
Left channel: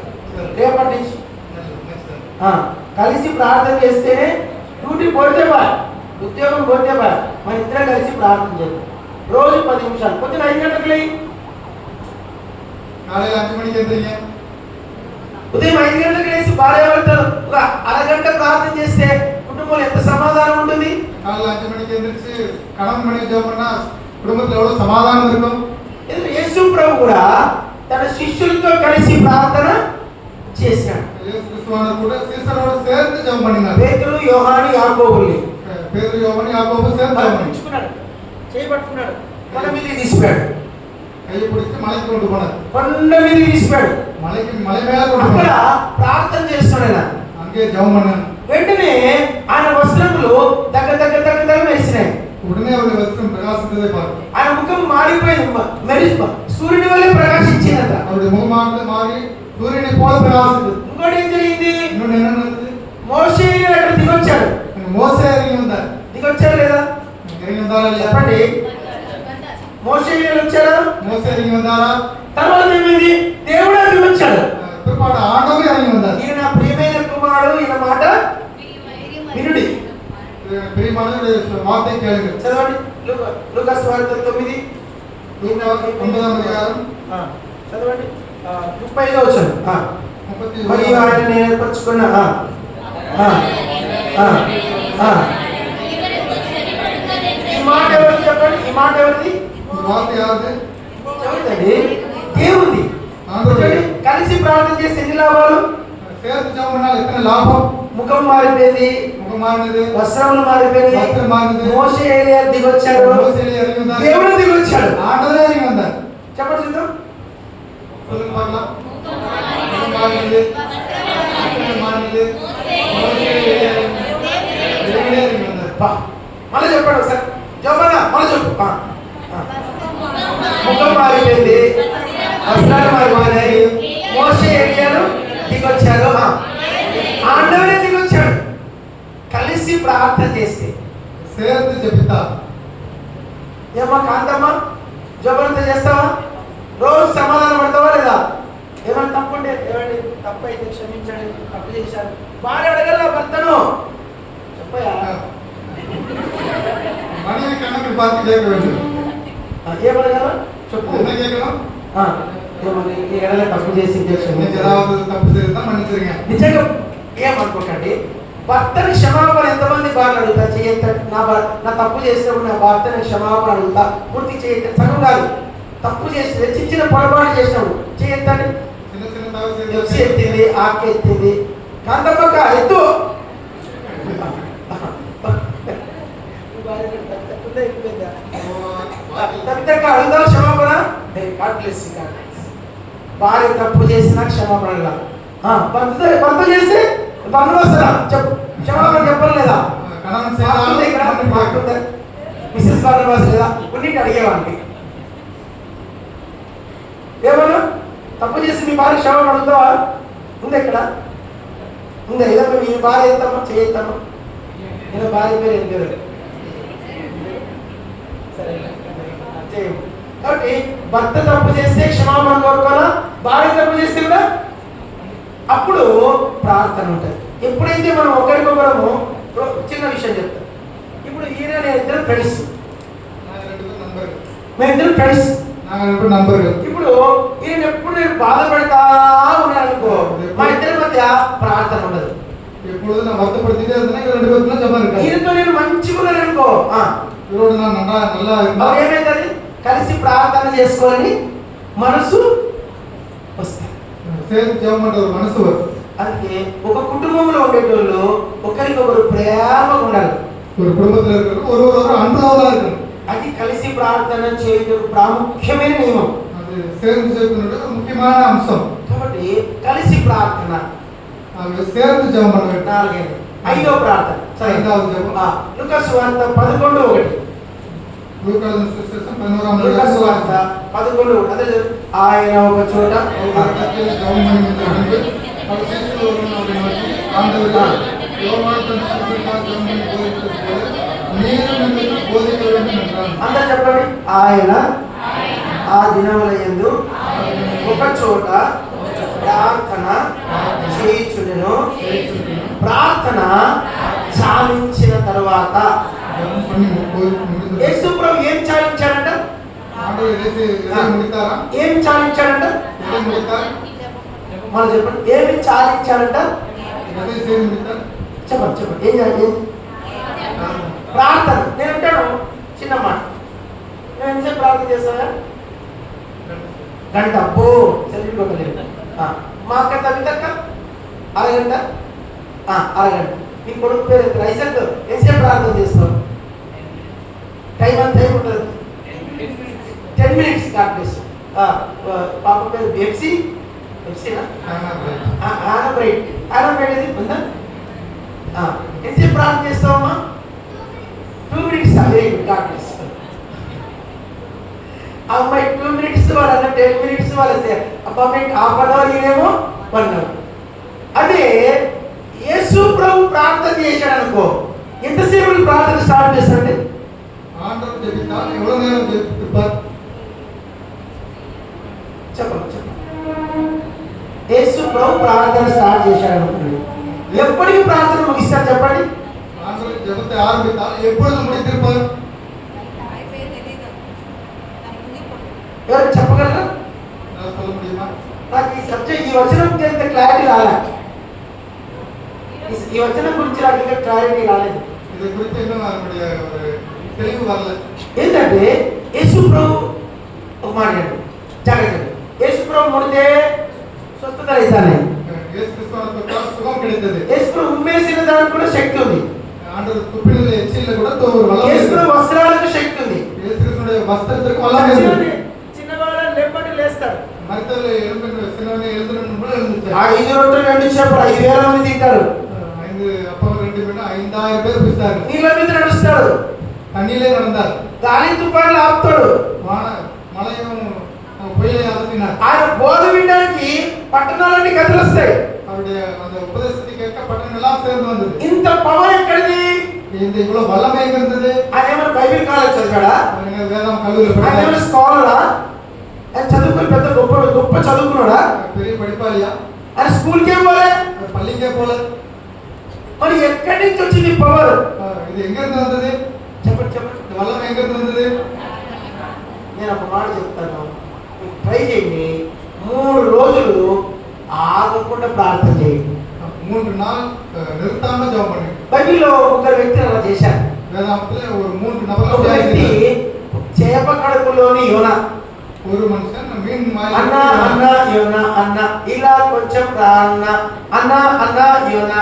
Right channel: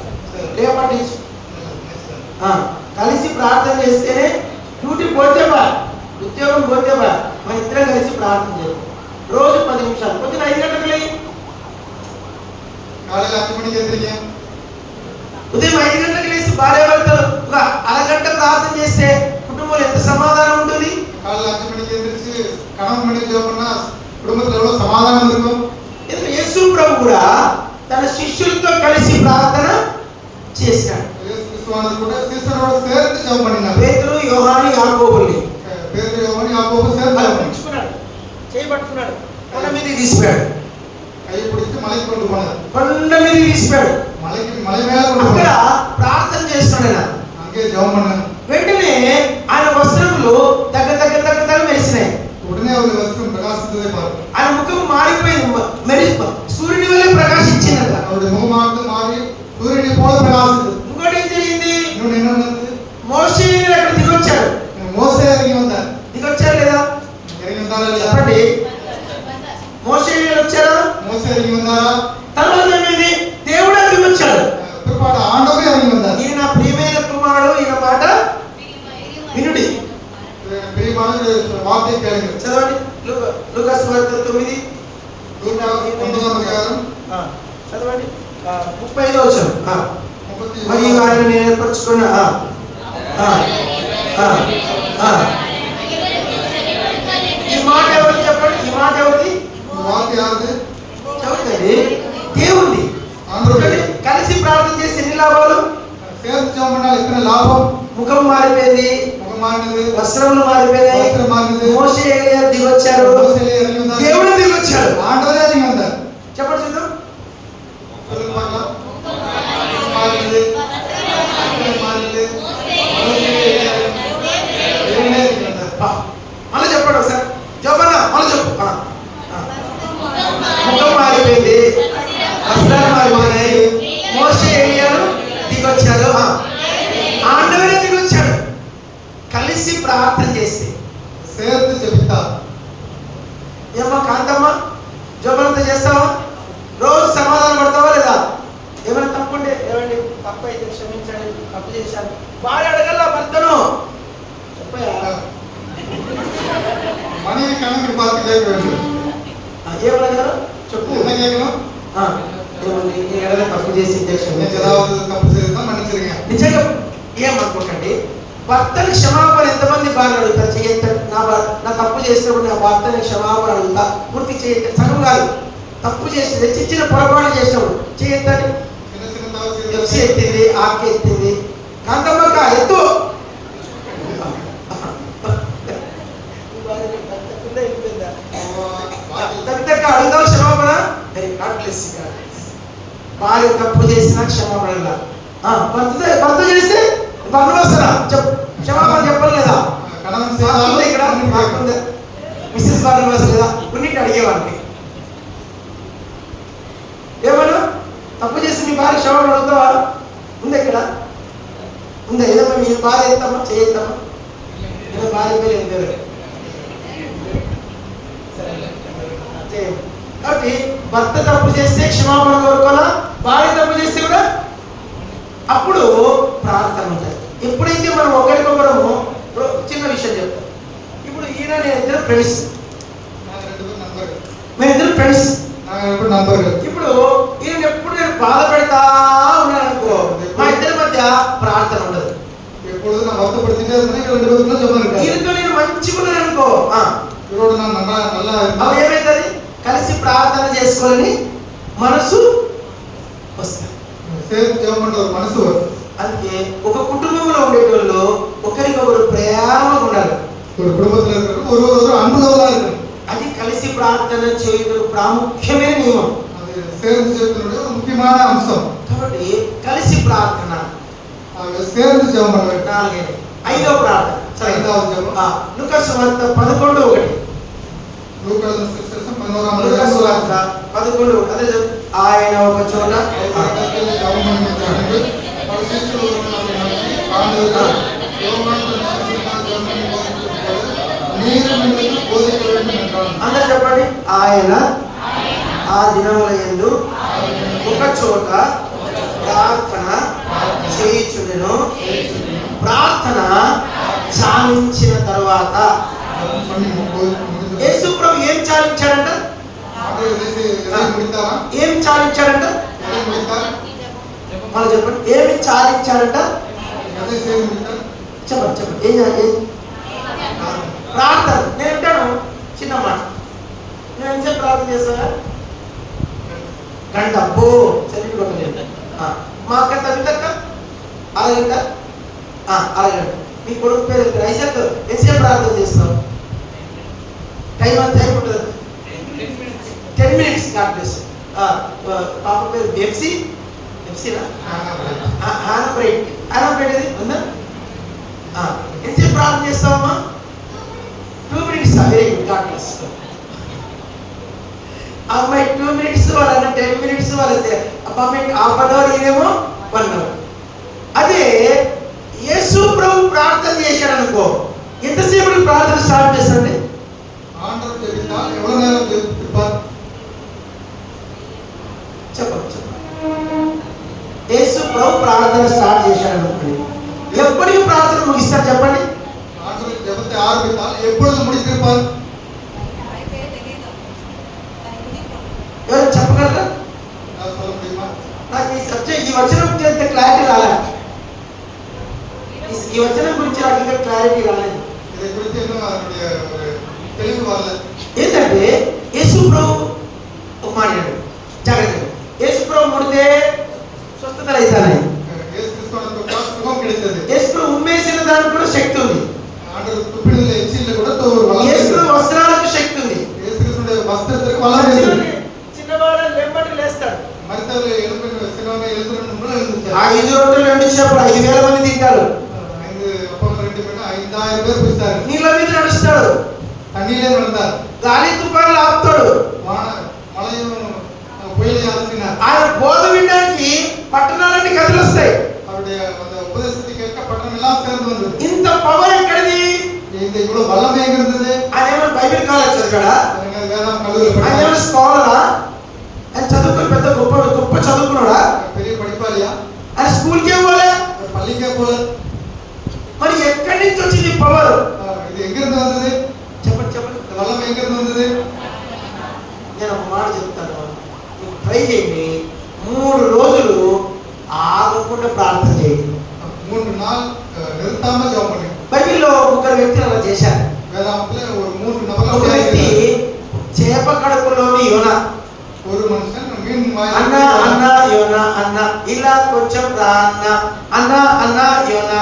రేపటి నుంచి కలిసి ప్రార్థన చేస్తేనే డ్యూటీ పోతే బా, ఉద్యోగం పోతే బా, మన ఇద్దరం కలిసి ప్రార్థన చేయాలి. రోజు 10 నిమిషాలు. పొద్దున 5 గంటలకు లేయి. కాలేజీ 5 మணிకి ఎదురయ్యాం. ఉదయం 5 గంటలకు లేచి భార్యాభర్తలు ఒక అరగంట ప్రార్థన చేస్తే కుటుంబంలో ఎంత సమాధానం ఉంటుంది? కాలేజీ 5 మணிకి ఎదురించి కణం మణి జోపన కుటుంబంలో ఎవరో సమాధానం இருக்கும். యేసు ప్రభు కూడా తన శిష్యులతో కలిసి ప్రార్థన చేశాడు. இயேசு கிறிஸ்துவானவர் கூட சீசரோட சேர்ந்து ஜெபம் பண்ணினார். పేతురు, యోహాను, యాకోబుల్ని పేతురు, యోహాను, యాకోబు சேர்ந்து ஜெபம் பண்ணாங்க. పట్టుకున్నాడు, చేయబట్టుకున్నాడు, కొండ మీదకి తీసిపోయాడు. కై పిడిచి మలకి கொண்டு போனார். కొండ మీదకి తీసిపోయాడు. మలై మేల கொண்டு అక్కడ போனார். ప్రార్థన చేస్తున్నాడు. ఆయన அங்கே ஜெபம் பண்ணார். వెంటనే ఆయన వస్త్రములు దగ్గర దగ్గర దగ్గర దగ్గర మెరిసినాయి. உடனே அவர் வஸ்திரம் பிரகாசித்ததை பார்த்தார். ఆయన ముఖం మారిపోయింది, సూర్యుని వలె ప్రకాశించిందట. அவருடைய முகமானது மாறி சூரியனை போல பிரகாசித்தது. ఇంకోటి ఏం జరిగింది? இன்னொன்று என்ன நடந்தது? మోషే అక్కడ దిగొచ్చాడు. మోసే ఇறங்கி வந்தார். దిగొచ్చారు లేదా? ఇறங்கி வந்தாரா இல்லையா? చెప్పండి. మోషే వచ్చారా? మోసే ఇறங்கி வந்தாரா? తర్వాత ఏమైంది? దేవుడు దిగొచ్చాడు. பிற்பாடு ஆண்டவரே இறங்கி வந்தார். ఈయన ప్రియమైన కుమారుడు, ఈయన మాట వినుడి. பிரியமான வார்த்தை கேளுங்க. చదవండి. లూకా సువార్త 9 చదవండి. 35వ వచనం. మరి ఆయన నేను ఏర్పరచుకున్న ఈ మాట ఎవరు చెప్పండి? ఈ మాట ఎవరిది? వార్త యాదే? చెబుతండి దేవుడి. కలిసి ప్రార్థన చేసి ఎన్ని లాభాలు? சேர்ந்து ஜெபம் பண்ணால் எத்தனை லாபம்? ముఖం మారిపోయింది, முகம் மாறினது, వస్త్రములు మారిపోయాయి, వస్త్రం మారినది, మోషే ఏలియా దిగొచ్చారు, మోసే ఇறங்கி வந்தார், దేవుడు దిగొచ్చాడు. ఆండవరే ఇறங்கி வந்தார். చెప్పండి చూద్దాం. சொல்லுங்க பார்க்கலாம். முகம் மாறினது, வஸ்త్రం மாறினது, మోసే ఇறங்கி வந்தார். మళ్ళీ చెప్పండి ఒకసారి. చెప్పన్నా మళ్ళీ చెప్పు. ముఖం మారిపోయింది, వస్త్రాలు మారిపోయినాయి, మోషే ఏలియాను దిగొచ్చారు, ఆండవరే దిగొచ్చాడు. కలిసి ప్రార్థన చేస్తే சேர்ந்து ஜெபித்தா. ఏమో కాంతమ్మా, జోబులంతా చేస్తావా? రోజు సమాధానం పడతావా లేదా? ఏమైనా తప్పుంటే ఏమండి తప్పు అయితే క్షమించండి, తప్పు చేశాను భార్య అడగల భర్తను చెప్పయా. மனைவி கணக்கு பார்த்து கேட்க வேண்டும். ఏమడగారు చెప్పు. என்ன கேட்கணும்? ఏమండి ఈ ఎడల తప్పు చేసి இன்னைக்கு ஏதாவது தப்பு செய்தா மன்னிச்சிருங்க. నిజంగా ఏమనుకోకండి. భర్తను క్షమాపణ ఎంతమంది భార్య అడుగుతారు? చేయొద్దండి. నా తప్పు చేసినప్పుడు నా భర్తని క్షమాపణ అడుగుతా, పూర్తి చేయొద్దు. సగం కాదు, తప్పు చేసింది, చిన్న పొరపాటు చేసినప్పుడు చేయొద్దండి. சின்ன சின்ன தவறு ఎఫ్సి செய்து ఎత్తింది, ఆకే ఎత్తింది, కాంతమ్మక ఎత్తు. తగ్గ అడుగుదాం క్షమాపణ. భార్య తప్పు చేసినా క్షమాపణ. భర్త చేస్తే అనవసరా చెప్పు, క్షమాపణ చెప్పలేదా? கணவன் செய்தால் ఇక్కడ మిస్సెస్ అనవసరం లేదా? కొన్నింటి అడిగేవాడిని ఏమన్నా తప్పు చేసి నీ భార్య క్షమాపణ అడుగుతావా? ఉంది ఇక్కడ ఉందా? ఏదమ్మా మీ భార్య ఎత్తమ్మా చేయొద్దమ్మా. నేను భార్య పేరు ఏం పేరు? కాబట్టి భర్త తప్పు చేస్తే క్షమాపణ కోరుకోవాలా, భార్య తప్పు చేస్తే కూడా అప్పుడు ప్రార్థన ఉంటుంది. ఎప్పుడైతే మనం ఒకరికొకరము చిన్న విషయం చెప్తాం. ఇప్పుడు ఈయన నేను ఇద్దరు ఫ్రెండ్స్, మేమిద్దరు ఫ్రెండ్స్. ఇప్పుడు ఈయన ఎప్పుడు నేను బాధ పెడతా ఉన్నాను అనుకో, మా ఇద్దరి మధ్య ప్రార్థన ఉండదు. எப்பொழுது நான் வருத்தப்படுத்திட்டே இருந்தேன், ரெண்டு பேருக்குள்ள ஜெபம் இருக்கு. ఈయనతో నేను మంచిగా ఉన్నాను అనుకో, இவரோட நான் நல்லா இருந்தா ఏమైతుంది? కలిసి ప్రార్థన చేసుకోవాలని మనసు వస్తుంది. சேர்ந்து ஜெபம் பண்ற ஒரு மனசு வரும். అందుకే ఒక కుటుంబంలో ఉండేటోళ్ళు ఒకరికొకరు ప్రేమగా ఉండాలి. ஒரு குடும்பத்துல இருக்கிற ஒருவரோட அன்புள்ளவங்களா இருக்கணும். అది కలిసి ప్రార్థన చేయడం ప్రాముఖ్యమైన నియమం. அது சேர்ந்து ஜெபத்தினுடைய ஒரு முக்கியமான அம்சம். కాబట్టి కలిసి ప్రార్థన நாம சேர்ந்து ஜெபம் பண்ண வேண்டும். నాలుగైదు. ఐదో ప్రార్థన ஐந்தாவது ஜெபம் లూకా సువార్త 11:1. లూకా సువిశేషం 11వ లూకా అధ్యాయం సువార్త 11:1. అదే ఆయన ఒక చోట ஜெபம் பண்ணிட்டு పరిశీలనలో ఉన్నటువంటి ఆందోళన యోమాను శిశువుగా జెబం பண்ணி போதித்தது మీరు నిన్ను బోధించ வேண்டும் என்றான். అందరూ చెప్పండి. ఆయన ఆ దినములందు ఒక చోట ప్రార్థన చేయుచుండెను. ప్రార్థన చాలించిన తర్వాత యేసు ప్రభు ఏం చాలించాడంట? ఏం చాలించాడంట? మనం చెప్పండి. ఏమి చాలించాడంట? చెప్పండి చెప్పండి. ఏం ప్రార్థన. నేను అంటాను చిన్న మాట, నేను ఎంతసేపు ప్రార్థన చేస్తావా? గంట. అబ్బో చదివిపోలేదు. మా అక్క తల్లి తక్క అరగంట అరగంట. నీ కొడుకు పేరు ఐసక్ ఎంతసేపు ప్రార్థన చేస్తావు? టైం ఉంటుంది 10 minutes. God bless. పాప పేరు ఎంసీనా ఆనబ్రైట్ అది ఉందా? ఎంతసేపు ప్రార్థన చేస్తావమ్మా? 2 minutes. Very good. God bless. అమ్మాయి 2 minutes, వాళ్ళ 10 minutes, వాళ్ళ హాఫ్ అన్ అవర్, ఈయనేమో 1 hour. అదే యేసు ప్రభు ప్రార్థన చేశాడు అనుకో, ఎంతసేపు ప్రార్థన స్టార్ట్ చేస్తాడండి? చెప్పండి. యేసు ప్రభు ప్రార్థన స్టార్ట్ చేశాడు అనుకోండి, ఎప్పటికి ప్రార్థన ముగిస్తారు చెప్పండి? ఎవరు చెప్పగలరా? నాకు ఈ సబ్జెక్ట్, ఈ వచనం చేస్తే క్లారిటీ రాలే. ఈ వచనం గురించి నాకు ఇంకా క్లారిటీ రాలేదు. ఏంటంటే యేసు ప్రభు ఒక మాట్లాడు జాగ్రత్తగా. యేసు ప్రభు ముడితే స్వస్థతలు అవుతాయి. యేసు ప్రభు ఉమ్మేసిన దానికి కూడా శక్తి ఉంది. యేసు ప్రభు వస్త్రాలకు శక్తి ఉంది. చిన్నవాడు లెంపటి లేస్తాడు. 5 రొట్టెలు 2 చేపలు 5,000 మంది తింటారు. నీళ్ళ మీద నడుస్తాడు. గాలి తుఫాన్లు ఆపుతాడు. ఆయన బోధ వినడానికి పట్టణాలన్నీ కదిలొస్తాయి. ఇంత పవర్ ఎక్కడిది? ఆయన బైబిల్ కాలేజ్ చదివాడా? ఆయన స్కాలరా? ఆయన చదువుకుని పెద్ద గొప్ప చదువుకున్నాడా? ఆయన స్కూల్కే పోలే, మరి ఎక్కడి నుంచి వచ్చింది పవర్? చెప్పండి. నేను ఒక మాట చెప్తాను, ట్రై చేయండి. 3 రోజులు ఆగకుండా ప్రార్థన చేయండి. 3 நாள் நிறுத்தாம ஜெபம் பண்ணுங்க. బైబిల్లో 3 వ్యక్తులు అలా చేశారు. ఒక వ్యక్తి చేప కడుపులోని యోనా, ஒரு మనిషి మీన్ అన్న యోనా అన్న ఇలా కొంచెం రా అన్న యోనా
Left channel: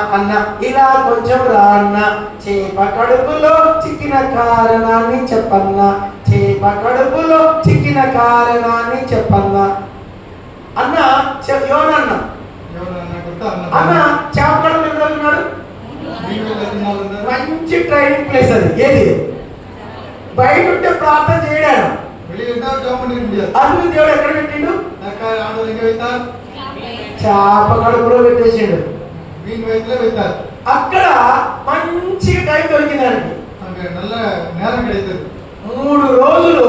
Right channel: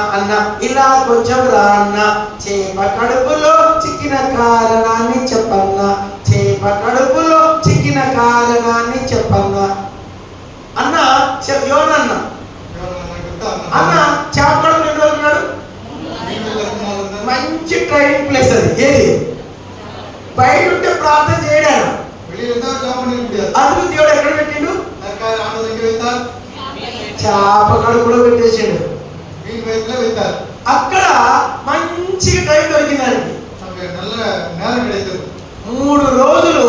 ఇలా కొంచెం రా అన్న, చేప కడుపులో చిక్కిన కారణాన్ని చెప్పన్నా, చేప కడుపులో చిక్కిన కారణాన్ని చెప్పన్నా అన్న యోనా అన్న చేప కడుపులో ఎన్ని రోజులు ఉన్నాడు? మంచి ట్రైనింగ్ ప్లేస్ అది. ఏది? బయట ఉంటే ప్రార్థన చేయడాను. అందుకు దేవుడు ఎక్కడ పెట్టిండు? చేప కడుపులో పెట్టేసిండు. అక్కడ మంచిగా టైం దొరికింది దానికి. 3 రోజులు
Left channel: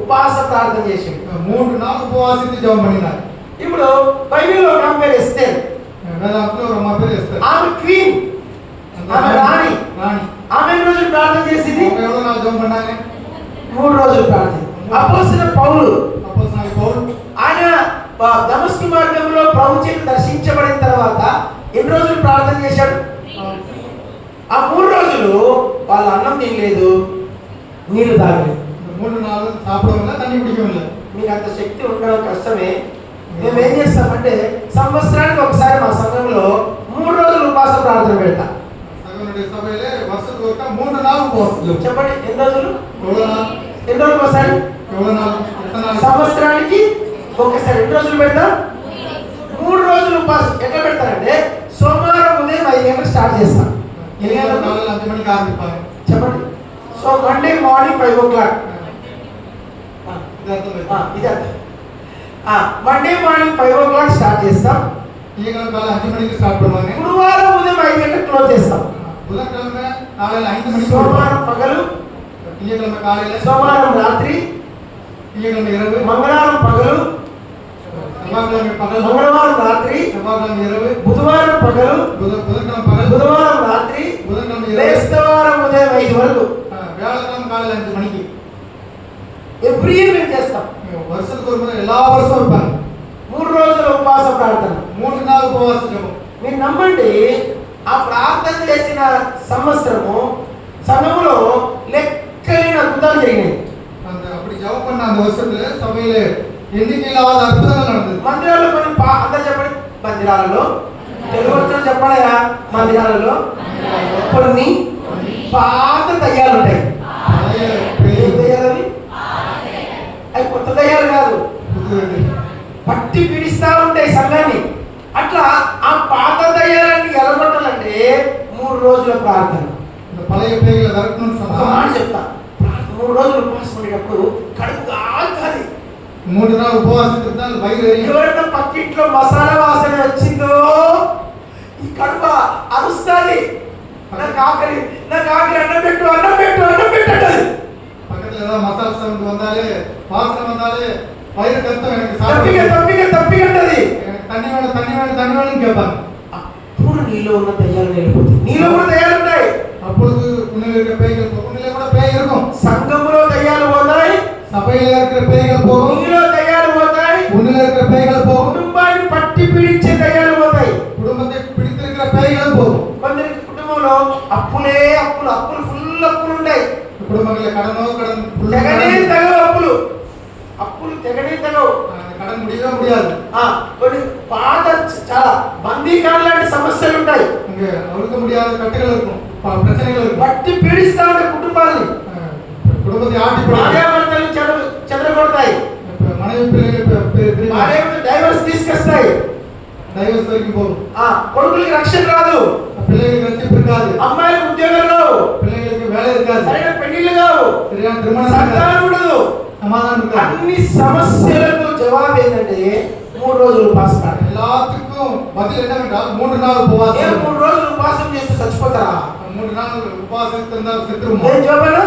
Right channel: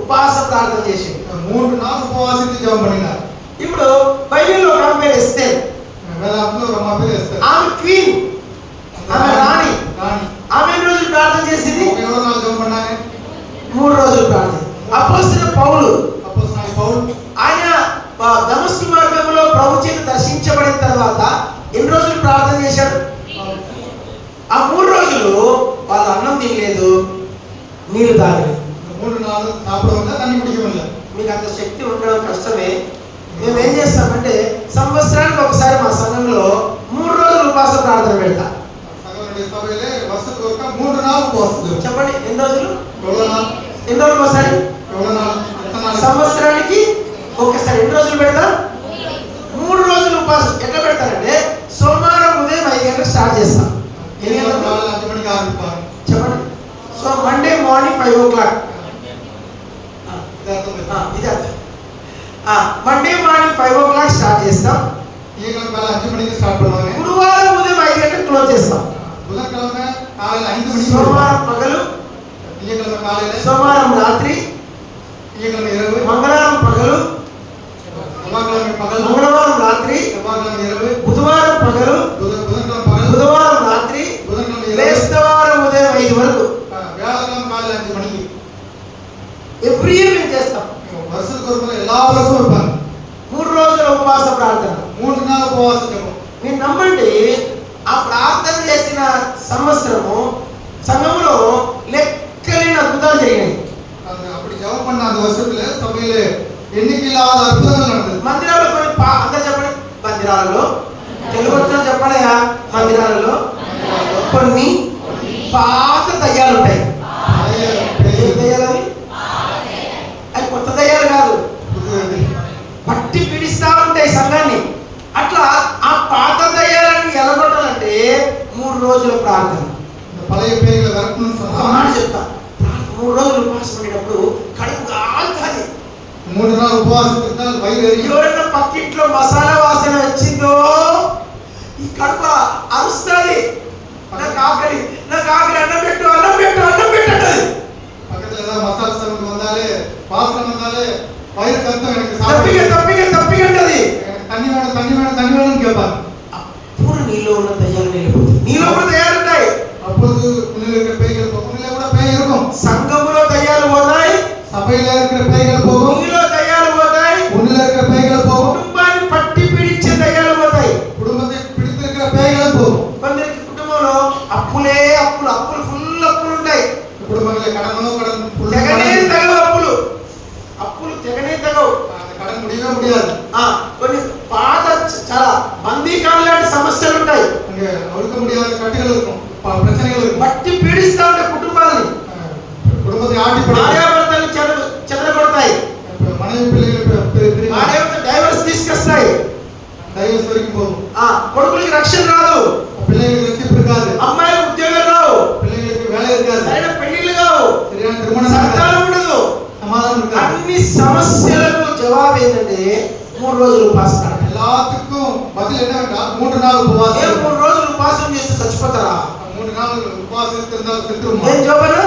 ఉపవాస ప్రార్థన చేసిండు. 3 நாள் ఉపవాసించి జపం பண்ணினார். ఇప్పుడు బైబిల్లో ఒక ఆమె పేరు ఎస్తేర్. ఆమె క్వీన్, ఆమె రాణి. ఆమె ఎన్ని రోజులు ప్రార్థన చేసింది? 3 రోజులు ప్రార్థన. అపోస్తలుడైన పౌలు ఆయన దమస్కు మార్గంలో ప్రభు చేత దర్శించబడిన తర్వాత ఎన్ని రోజులు ప్రార్థన చేశాడు? ఆ 3 రోజులు వాళ్ళు అన్నం తినలేదు, నీళ్లు తాగలేదు. 3 నాள் సాపడవల్ల తన్ని కుడియవల్ల. మీకు అంత శక్తి ఉండడం కష్టమే. మేము ఏం చేస్తామంటే సంవత్సరానికి ఒకసారి మా సంఘంలో 3 రోజులు ఉపవాస ప్రార్థన పెడతా. సభలో వర్షకు ఒక 3 నాள் ఉపవాసం. చెప్పండి ఎన్ని రోజులు? ఎన్ని రోజులు ఒకసారి? సంవత్సరానికి ఒకసారి. ఎన్ని రోజులు పెడతా? 3 రోజులు ఉపవాసం. ఎట్లా పెడతారంటే సోమవారం ఉదయం 5 గంటలకు స్టార్ట్ చేస్తాం. చెప్పండి. So Monday morning 5 o'clock. ఇది అర్థం. మండే మార్నింగ్ 5 o'clock స్టార్ట్ చేస్తాం. గురువారం ఉదయం 5 గంటలకు క్లోజ్ చేస్తాం. సోమవారం పగలు, సోమవారం రాత్రి, మంగళవారం పగలు, మంగళవారం రాత్రి, బుధవారం పగలు, బుధవారం రాత్రి, బేస్తవారం ఉదయం 5 వరకు. ఎవ్రీ ఇయర్ మేము చేస్తాం. ఎలా వర్షం 3 రోజుల ఉపవాస ప్రార్థన. 3 నాள் ఉపవాస జపం. మీరు నమ్మండి, ఆ ప్రార్థన చేసిన సంవత్సరము సమయంలో లెక్కలేని అద్భుతాలు జరిగినాయి. அப்படி ஜெபம் பண்ண அந்த வருஷத்துல சபையில எண்ணிக்கையில்லாத அற்புதங்கள் நடந்தது. మందిరాల్లో కొన్ని అందరూ చెప్పండి, మందిరాల్లో తెలుగులో చెప్పండి మందిరాలలో కొన్ని పాత దయ్యాలు ఉంటాయి. ఏం దయ్యాలు? అవి కొత్త దయ్యాలు కాదు, పట్టి పీడిస్తా ఉంటాయి సంఘాన్ని. అట్లా ఆ పాత దయ్యాలని ఎలగొట్టాలంటే 3 రోజుల ప్రార్థన. ఒక మాట చెప్తా, 3 రోజులు ఉపవాసం ఉండేటప్పుడు కడుపు కాలుతుంది. 3 నాలుగు ఉపవాసం ఎవరైనా పక్కింట్లో మసాలా వాసన వచ్చిందో ఈ కడుపు అరుస్తుంది. నాకు ఆకలి అన్నం పెట్టు అంటది. పక్కన మసాలా సరుకు వందాలి, వాసన వందాలి, వైరు కత్తం తప్పిగా ఉంటది. తన్ని వేడం కేపాలి. అప్పుడు నీలో ఉన్న దయ్యాలు వెళ్ళిపోతాయి. నీలో కూడా దయ్యాలు ఉంటాయి. అప్పుడు కూడా పేయ ఇరుకం. సంఘంలో దయ్యాలు పోతాయి, సభలో இருக்கிற பேய்கள் போகும். నీలో దయ్యాలు పోతాయి, உன்னில இருக்கிற பேய்கள் போகும். కుటుంబాన్ని పట్టి పీడించే దయ్యాలు పోతాయి, కుటుంబத்தை பிடித்திருக்கிற பேய்கள் போகும். కొందరికి కుటుంబంలో అప్పులే అప్పులు ఫుల్ అప్పులు ఉంటాయి. కుటుంబంలో కடன் తెగనే తెగవు అప్పులు తెగనే తెగవు. కடன் முடியவே முடியாது. కొన్ని పాత చాలా బందీకాల లాంటి సమస్యలు ఉంటాయి. இங்க அழுக்க முடியாத கட்டுகள் இருக்கும், பிரச்சனைகள் இருக்கும். పట్టి పీడిస్తా ఉంటాయి కుటుంబాన్ని. కుటుంబத்தை ఆటి భార్యాభర్తలు చెదరగొడతాయి. మనవి పిల్లలు భార్యాభర్తలు డైవర్స్ తీసుకొస్తాయి. డైవర్స్ వరకు పోవు. కొడుకులకి రక్షణ రాదు, పిల్లలకి రక్షణ కాదు. అమ్మాయిలకు ఉద్యోగాలు రావు, పిల్లలకి వేళ కాదు, సరైన పెళ్లిళ్ళు కావు, సరైన తిరుమణ సంతానం ఉండదు, సమాధానం కాదు. అన్ని సమస్యలకు జవాబు ఏంటంటే 3 రోజులు ఉపవాసం. எல்லாத்துக்கும் பதில் என்னவென்றா 3 நாள் உபவாசம். 3 రోజులు ఉపవాసం చేస్తే చచ్చిపోతారా? 3 நாள் ఉపవాసం இருந்தால் செத்துருமா? ఏం జవాబు?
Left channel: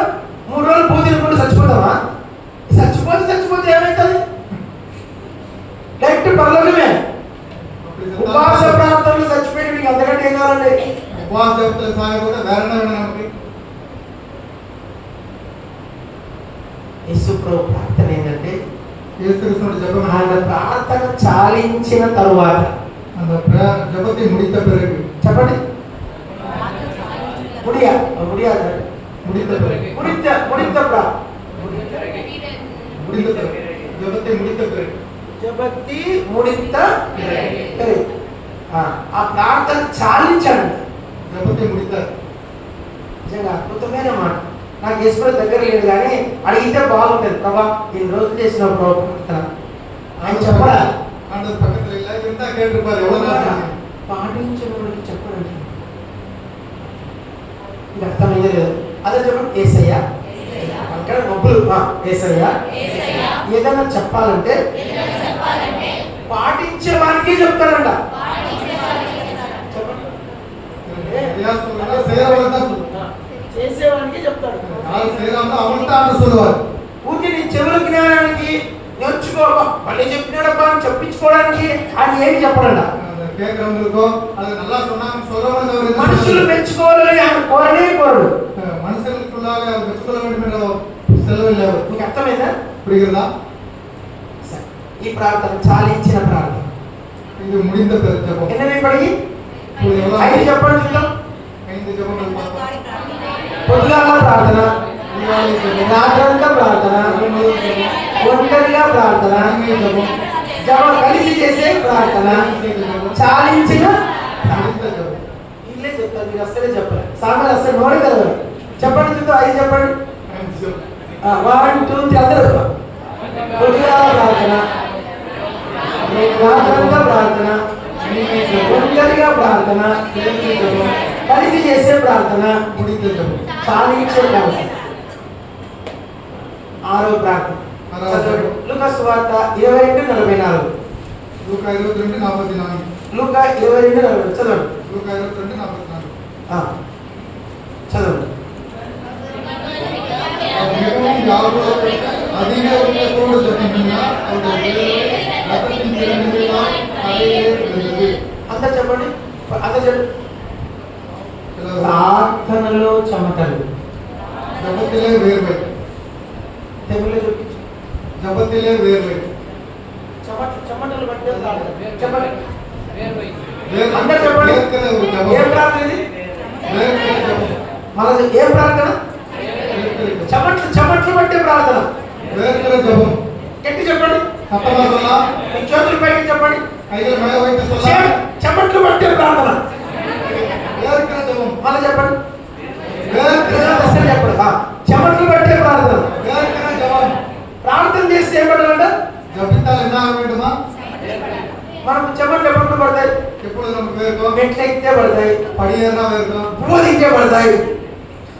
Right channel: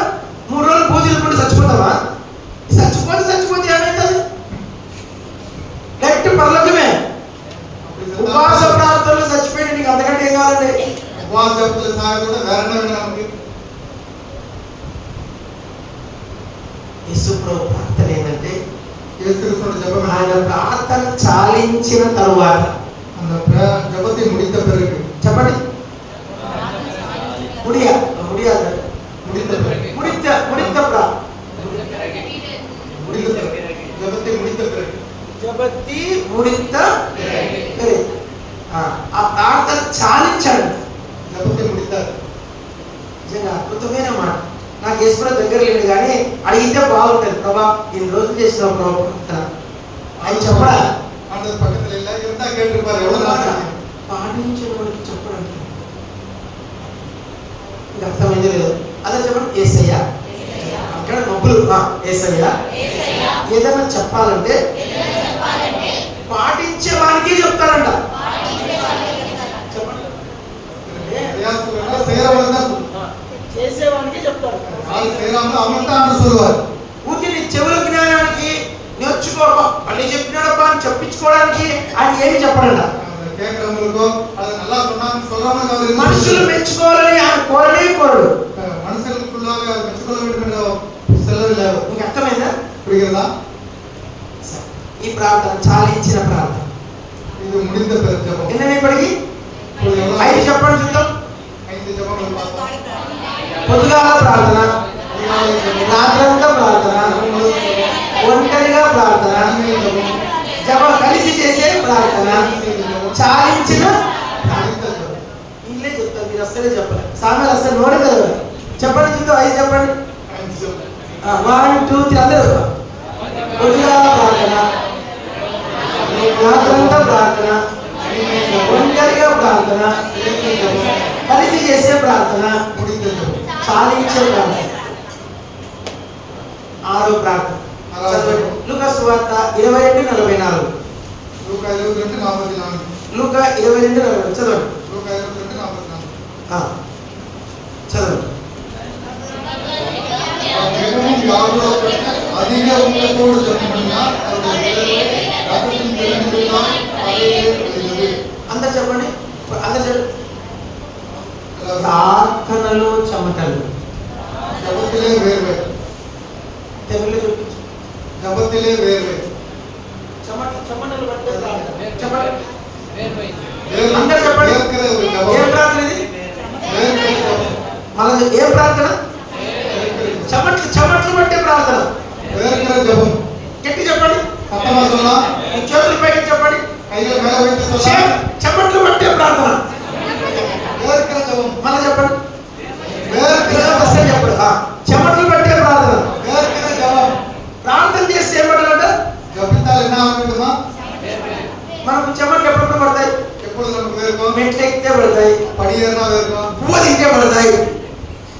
3 రోజులు పూజ చేసుకుంటే చచ్చిపోతావా? చచ్చిపోతే ఏమైతుంది? డైరెక్ట్ పరలోకమే. ఉపవాస ప్రార్థనలు చచ్చిపోయి నీకు అంతకంటే ఏం కావాలండి? ఉపవాస జపతలు సాయపడితే వేరే మనకి యేసు ప్రభు ప్రార్థన ఏంటంటే యేసుక్రీస్తు జపం ఆయన ప్రార్థన చాలించిన తరువాత జపతి ముడిత పిறகு చెప్పండి ముడియా ముడియా ముడిత పిறகு జపతి ముడిత పిறகு జపతి ముడిత పిறகு ఆ ప్రార్థన చాలించాడు. జపతి ముడిత నిజంగా అద్భుతమైన మాట. నాకు యేసు దగ్గర లేడు కానీ అడిగితే బాగుంటుంది. ప్రభా ఇన్ని రోజులు చేసిన ప్రార్థన ఆయన చెప్పడా? அந்த பக்கத்துல இல்ல இருந்தா கேட்டிருப்பாரு. எவ்வளவு நாள் పాటించిన వాడికి చెప్పడండి ఇది అర్థమైందో లేదో అదే చెప్పండి. యేసయ్యా అక్కడ మొబ్బులు యేసయ్యా ఏదైనా చెప్పాలంటే పాటించే వారికి చెప్తారంట. చెప్పండి. చేసేవానికి చెప్తారు. ఊరికి నీ చెవుల జ్ఞానానికి నేర్చుకోవడం మళ్ళీ చెప్పినాడబ్బా అని చెప్పించుకోవడానికి ఆయన ఏమి చెప్పడంలా. మనుషులు మెచ్చుకోవాలని ఆయన కోరనే కోరడు. మీకు అర్థమైందా? ఈ ప్రార్థన చాలించిన ప్రార్థన. ఎన్నని ఇప్పటికి 5 చెప్పండి చూద్దాం. పొద్దుగాల ప్రార్థన, రాత్రంతా ప్రార్థన, ఒంటరిగా ప్రార్థన, కలిసి చేసే ప్రార్థన, చాలించిన ఇల్లే చెప్తారు. మీరు అస్సలే చెప్పాలి. సామెత అస్సలు నోడే కదా. చెప్పండి చూద్దాం. 5 చెప్పండి. 1 2 3 అందరూ. పొద్దుగాల ప్రార్థన, రాత్రంతా ప్రార్థన, ఒంటరిగా ప్రార్థన, కలిసి చేసే ప్రార్థన, చాలించే ప్రార్థన. 6వ ప్రార్థన లూకా సువార్త 22:44. లూకా 22:44. లూకా 22:44 చదవండి. లూకా 22:44 చదవండి. அதிக உள்ளத்தோடு ஜெபம் பண்ணினால் அவருடைய ரத்தத்தின் திறமைகளால் அதையே விளைகிறது. అందరూ చెప్పండి. అందరూ చెప్పండి. ప్రార్థనలో చెమటలు, జపத்திலே వేర్వే. దేవుళ్ళే చూపించు. జపத்திலே వేర్వే. చెమటలు పట్టే ప్రార్థన. చెప్పండి. అందరూ చెప్పండి. ఏ ప్రార్థన ఇది? మళ్ళీ ఏ ప్రార్థన? చెమట్లు పట్టే ప్రార్థన. జపం. గట్టి చెప్పండి. సప్తమాసంలో మీ చేతులు పైకి చెప్పండి. కైలు మేల వైతే చెమట్లు పట్టే ప్రార్థన. వేర్కల జపం. మళ్ళీ చెప్పండి. వేర్కల అసలు చెప్పండి. చెమట్లు పట్టే ప్రార్థన. వేర్కల జపం. ప్రార్థన చేస్తే ఏమంటారంట? జపితాలు ఎన్న ఆగేటమా? మనకు చెమట్లు ఎప్పుడు పడతాయి? ఎప్పుడు మనకు వేర్కో మెట్లు ఎక్కితే పడతాయి, పడియేనా వేర్కో బువ్వ తింటే పడతాయి.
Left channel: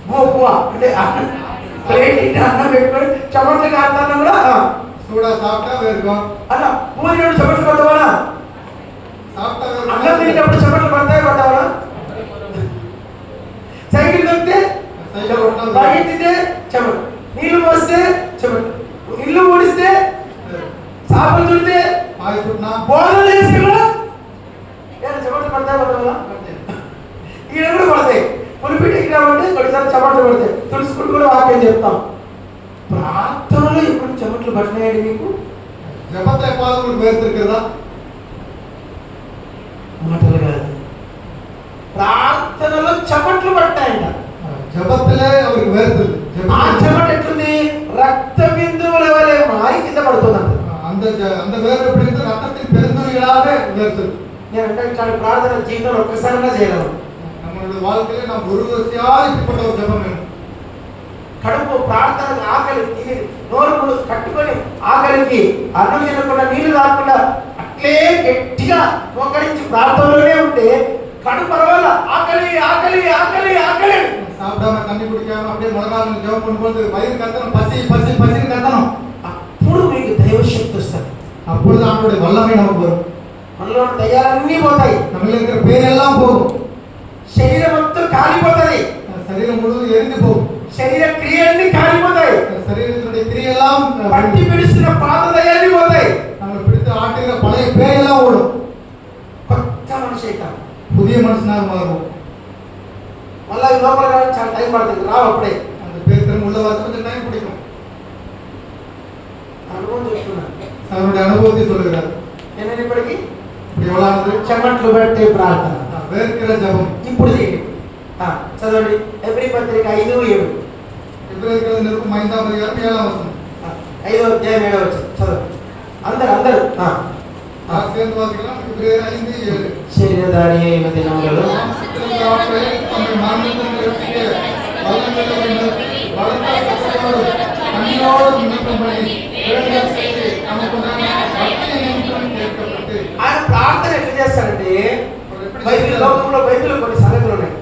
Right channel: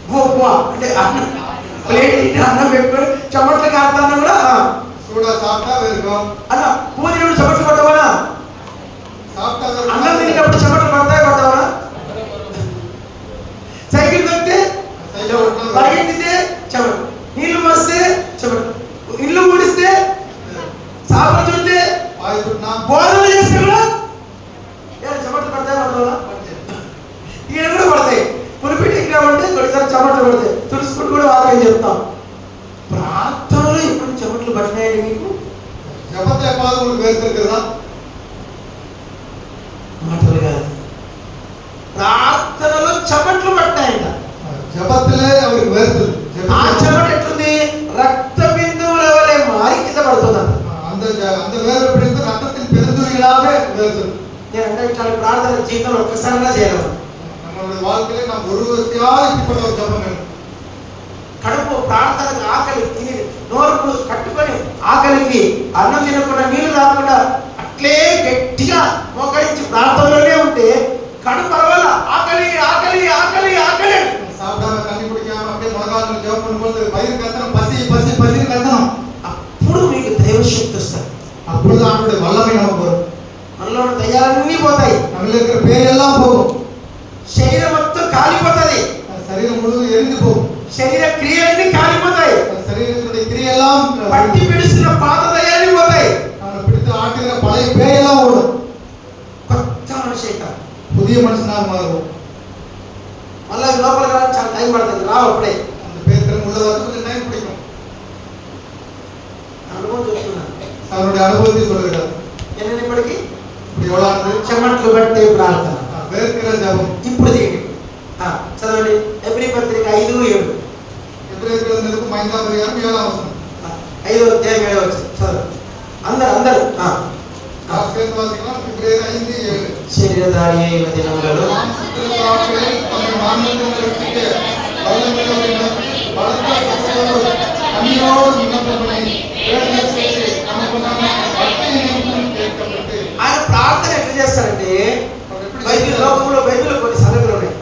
బువ్వ అంటే అన్నం ప్లేట్ ఇట్టి అన్నం ఎప్పుడు చెమట్లు కాస్తాను కూడా సూడా సాఫ్టా వేర్కో అలా బువ్వ తినప్పుడు చెమట్లు పడతావా? సాఫ్టా వేర్కో. అన్నం తినేటప్పుడు చెమట్లు పడతావా? సైకిల్ తొక్కితే పరిగెత్తితే చెమట, నీళ్లు పోస్తే చెమట, ఇల్లు ఊడిస్తే, సాపలు చుడితే, బోధన చేసుకున్నా చెమటలు పడతావా? ఈయన కూడా పడతాయి. పులిపిటికి కాబట్టి కొన్నిసార్లు చెమటలు పడతాయి. తుడుచుకుంటూ కూడా వాక్యం చెప్తాం. ప్రార్థనలో ఇప్పుడు చెమటలు పడినాయండి మీకు? జపత పాదములు వేర్తారు కదా, మాటలు కాదు, ప్రార్థనలో చెమటలు పట్టాయంట. జపతలే அவருக்கு వేర్తలు. ఆ చెమట ఎట్లుంది? రక్త బిందువుల వలె మారి కింద పడుతుందంట. அந்த வேர் எப்படி இருந்து ரத்தத்தின் பெருந்துளிகளாக வேர்த்தது. నేను అంటే ఇట్లాంటి ప్రార్థన జీవితంలో ఒక్కసారిగా చేయగలను. நம்மளுடைய வாழ்க்கையில நாம் ஒரு வரிசையா இப்படிப்பட்ட ஒரு ஜெபம் வேணும். కడుపు ప్రార్థనకు ఆకలి తిని నోరు కట్టుకొని ఆకలికి అన్నం తినకుండా నీళ్లు తాగకుండా అట్లే గట్టిగా మోకరించి ప్రార్థనలోనే ఉంటే కడుపు పరవాల ఆకలి ఆకలి ఆకలి ఆకలి சாப்பிடாம தண்ணி குடிக்காம அப்படியே முழங்கால் ஜெபம் பண்ணும்போது வயிறு கத்தணும், பசி பசி பசி கத்தணும். అప్పుడు మీకు దైవశక్తి వస్తుంది. அப்பொழுது அவருடைய வல்லமை நமக்கு வரும். మనలో ఉన్న దయ్యాలన్నీ పోతాయి. நம்மள இருக்கிற பேயெல்லாம் போகும். శరీరం మొత్తం కాలిపోతుంది. శరీరం முழுவதும் எரிந்து போகும். శరీర క్రియలన్నీ కాలిపోతాయి. శరీరத்துடைய క్రియெல்லாம் పట్టి పిడుస్తున్న పాత దయ్యాలన్నీ పోతాయి. நம்ம பிடித்து ஆட்டுகிற பழைய பேயெல்லாம் ஓடும். కొత్త మనిషి అవుతాం. புதிய மனுஷனாக மாறுவோம். మళ్ళీ లోపల చాలా టైం పడుతుంది. రావు అప్పుడే அந்த பேர் திறன் உள்ள வரது கொஞ்சம் டைம் பிடிக்கும். అనుభవం చెప్తున్నాను. அவருடைய அனுபவத்தை சொல்லுகிறார். என்னன்னு ఇప్పటికి இப்படி எவ்வளவு చెమట్లు పట్టే ప్రార్థన. వేర్కిల జపం ఇప్పుడు చేయండి. చదవండి. ఎబ్రీ పత్రిక 5:7. ఎబ్రేయులకు నిరుపం 5:7 వస్తుంది. 5వ అధ్యాయం 7వ వచనం చదవండి. అందరూ ఆశ్రయం వాసిగా ఎబ్రేయు 5:7. శరీరధారి అయిన దినములలో ఆయన ప్రార్థన ఎట్లా చేస్తారంటే బైబిల్ లోకంలో కొన్ని సంగతులు ఉన్నాయి.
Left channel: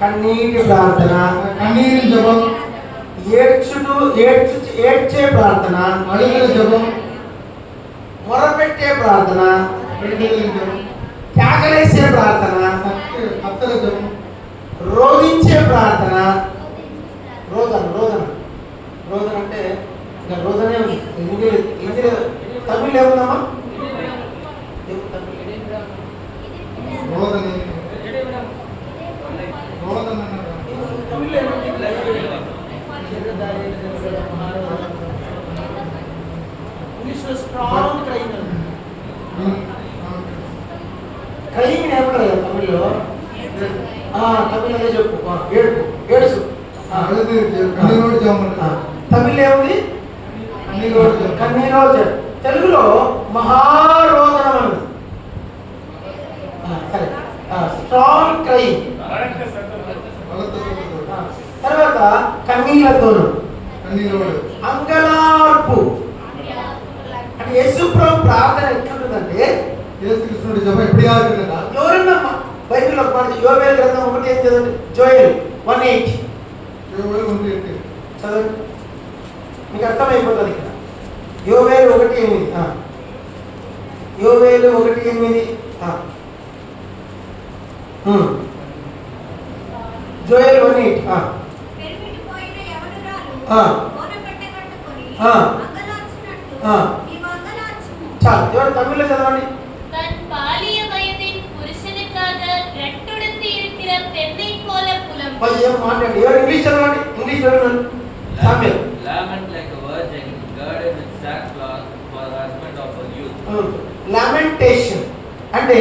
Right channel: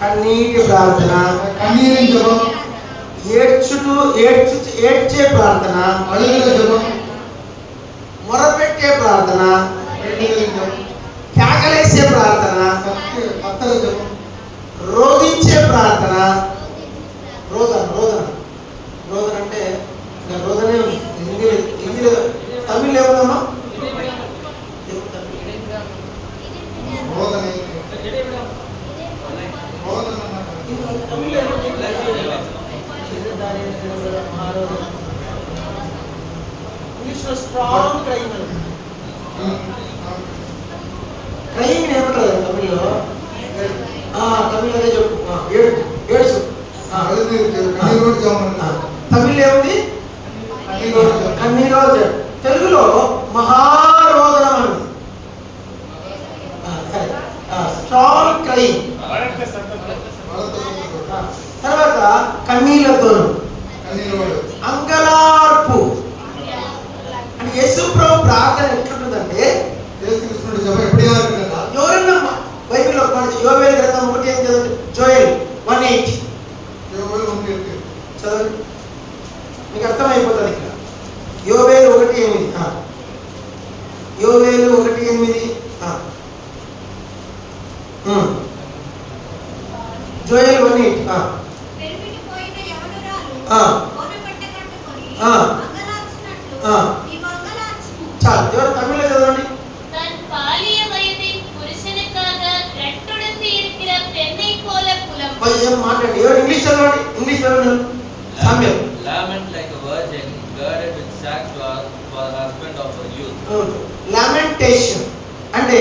కన్నీటి ప్రార్థన, కన్నీటి జపం, ఏడ్చే ప్రార్థన, అడుగుల జపం, మొరపెట్టే ప్రార్థన, జపం, కేకలేసే ప్రార్థన, కత్తల జపం, రోధించే ప్రార్థన. రోదన అంటే రోదనే హిందీ తమిళ్ ఏమన్నా స్ట్రాంగ్ క్రైమ్ క్రైమ్ ఏమంటారు తమిళ్లో? తమిళదే చెప్పు. ఏడుసు తమిళ్ ఏముంది? కన్నీరోజు. తెలుగులో మహారోదనం అని. Strong crime. తర్వాత కన్నీళ్లతోను అంగలార్పు. అంటే యేసు ప్రభు ప్రార్థన ఎట్లుంటుందంటే యేసుకృష్ణుడి జపం ఎప్పుడు ఆడుతుందా? ఎవరైనా బైబిల్లో యోవేలు గ్రంథం 1 చదవండి. జోయల్ 1:8 చదవండి. మీకు అర్థమైపోతుంది ఇక్కడ. యోవేలు 1:8. యోవేలు 1:8. జోయల్ 1:8. చాలు. ఎవరు తమిళ్లో చదవండి. మాట్లాడండి. ఎవరు ఇంగ్లీష్ చదవండి. ఇంగ్లీష్ చదవండి. సామ్యం. Lament like a virgin, girded with sackcloth for the husband of her youth. Lamentation అంటే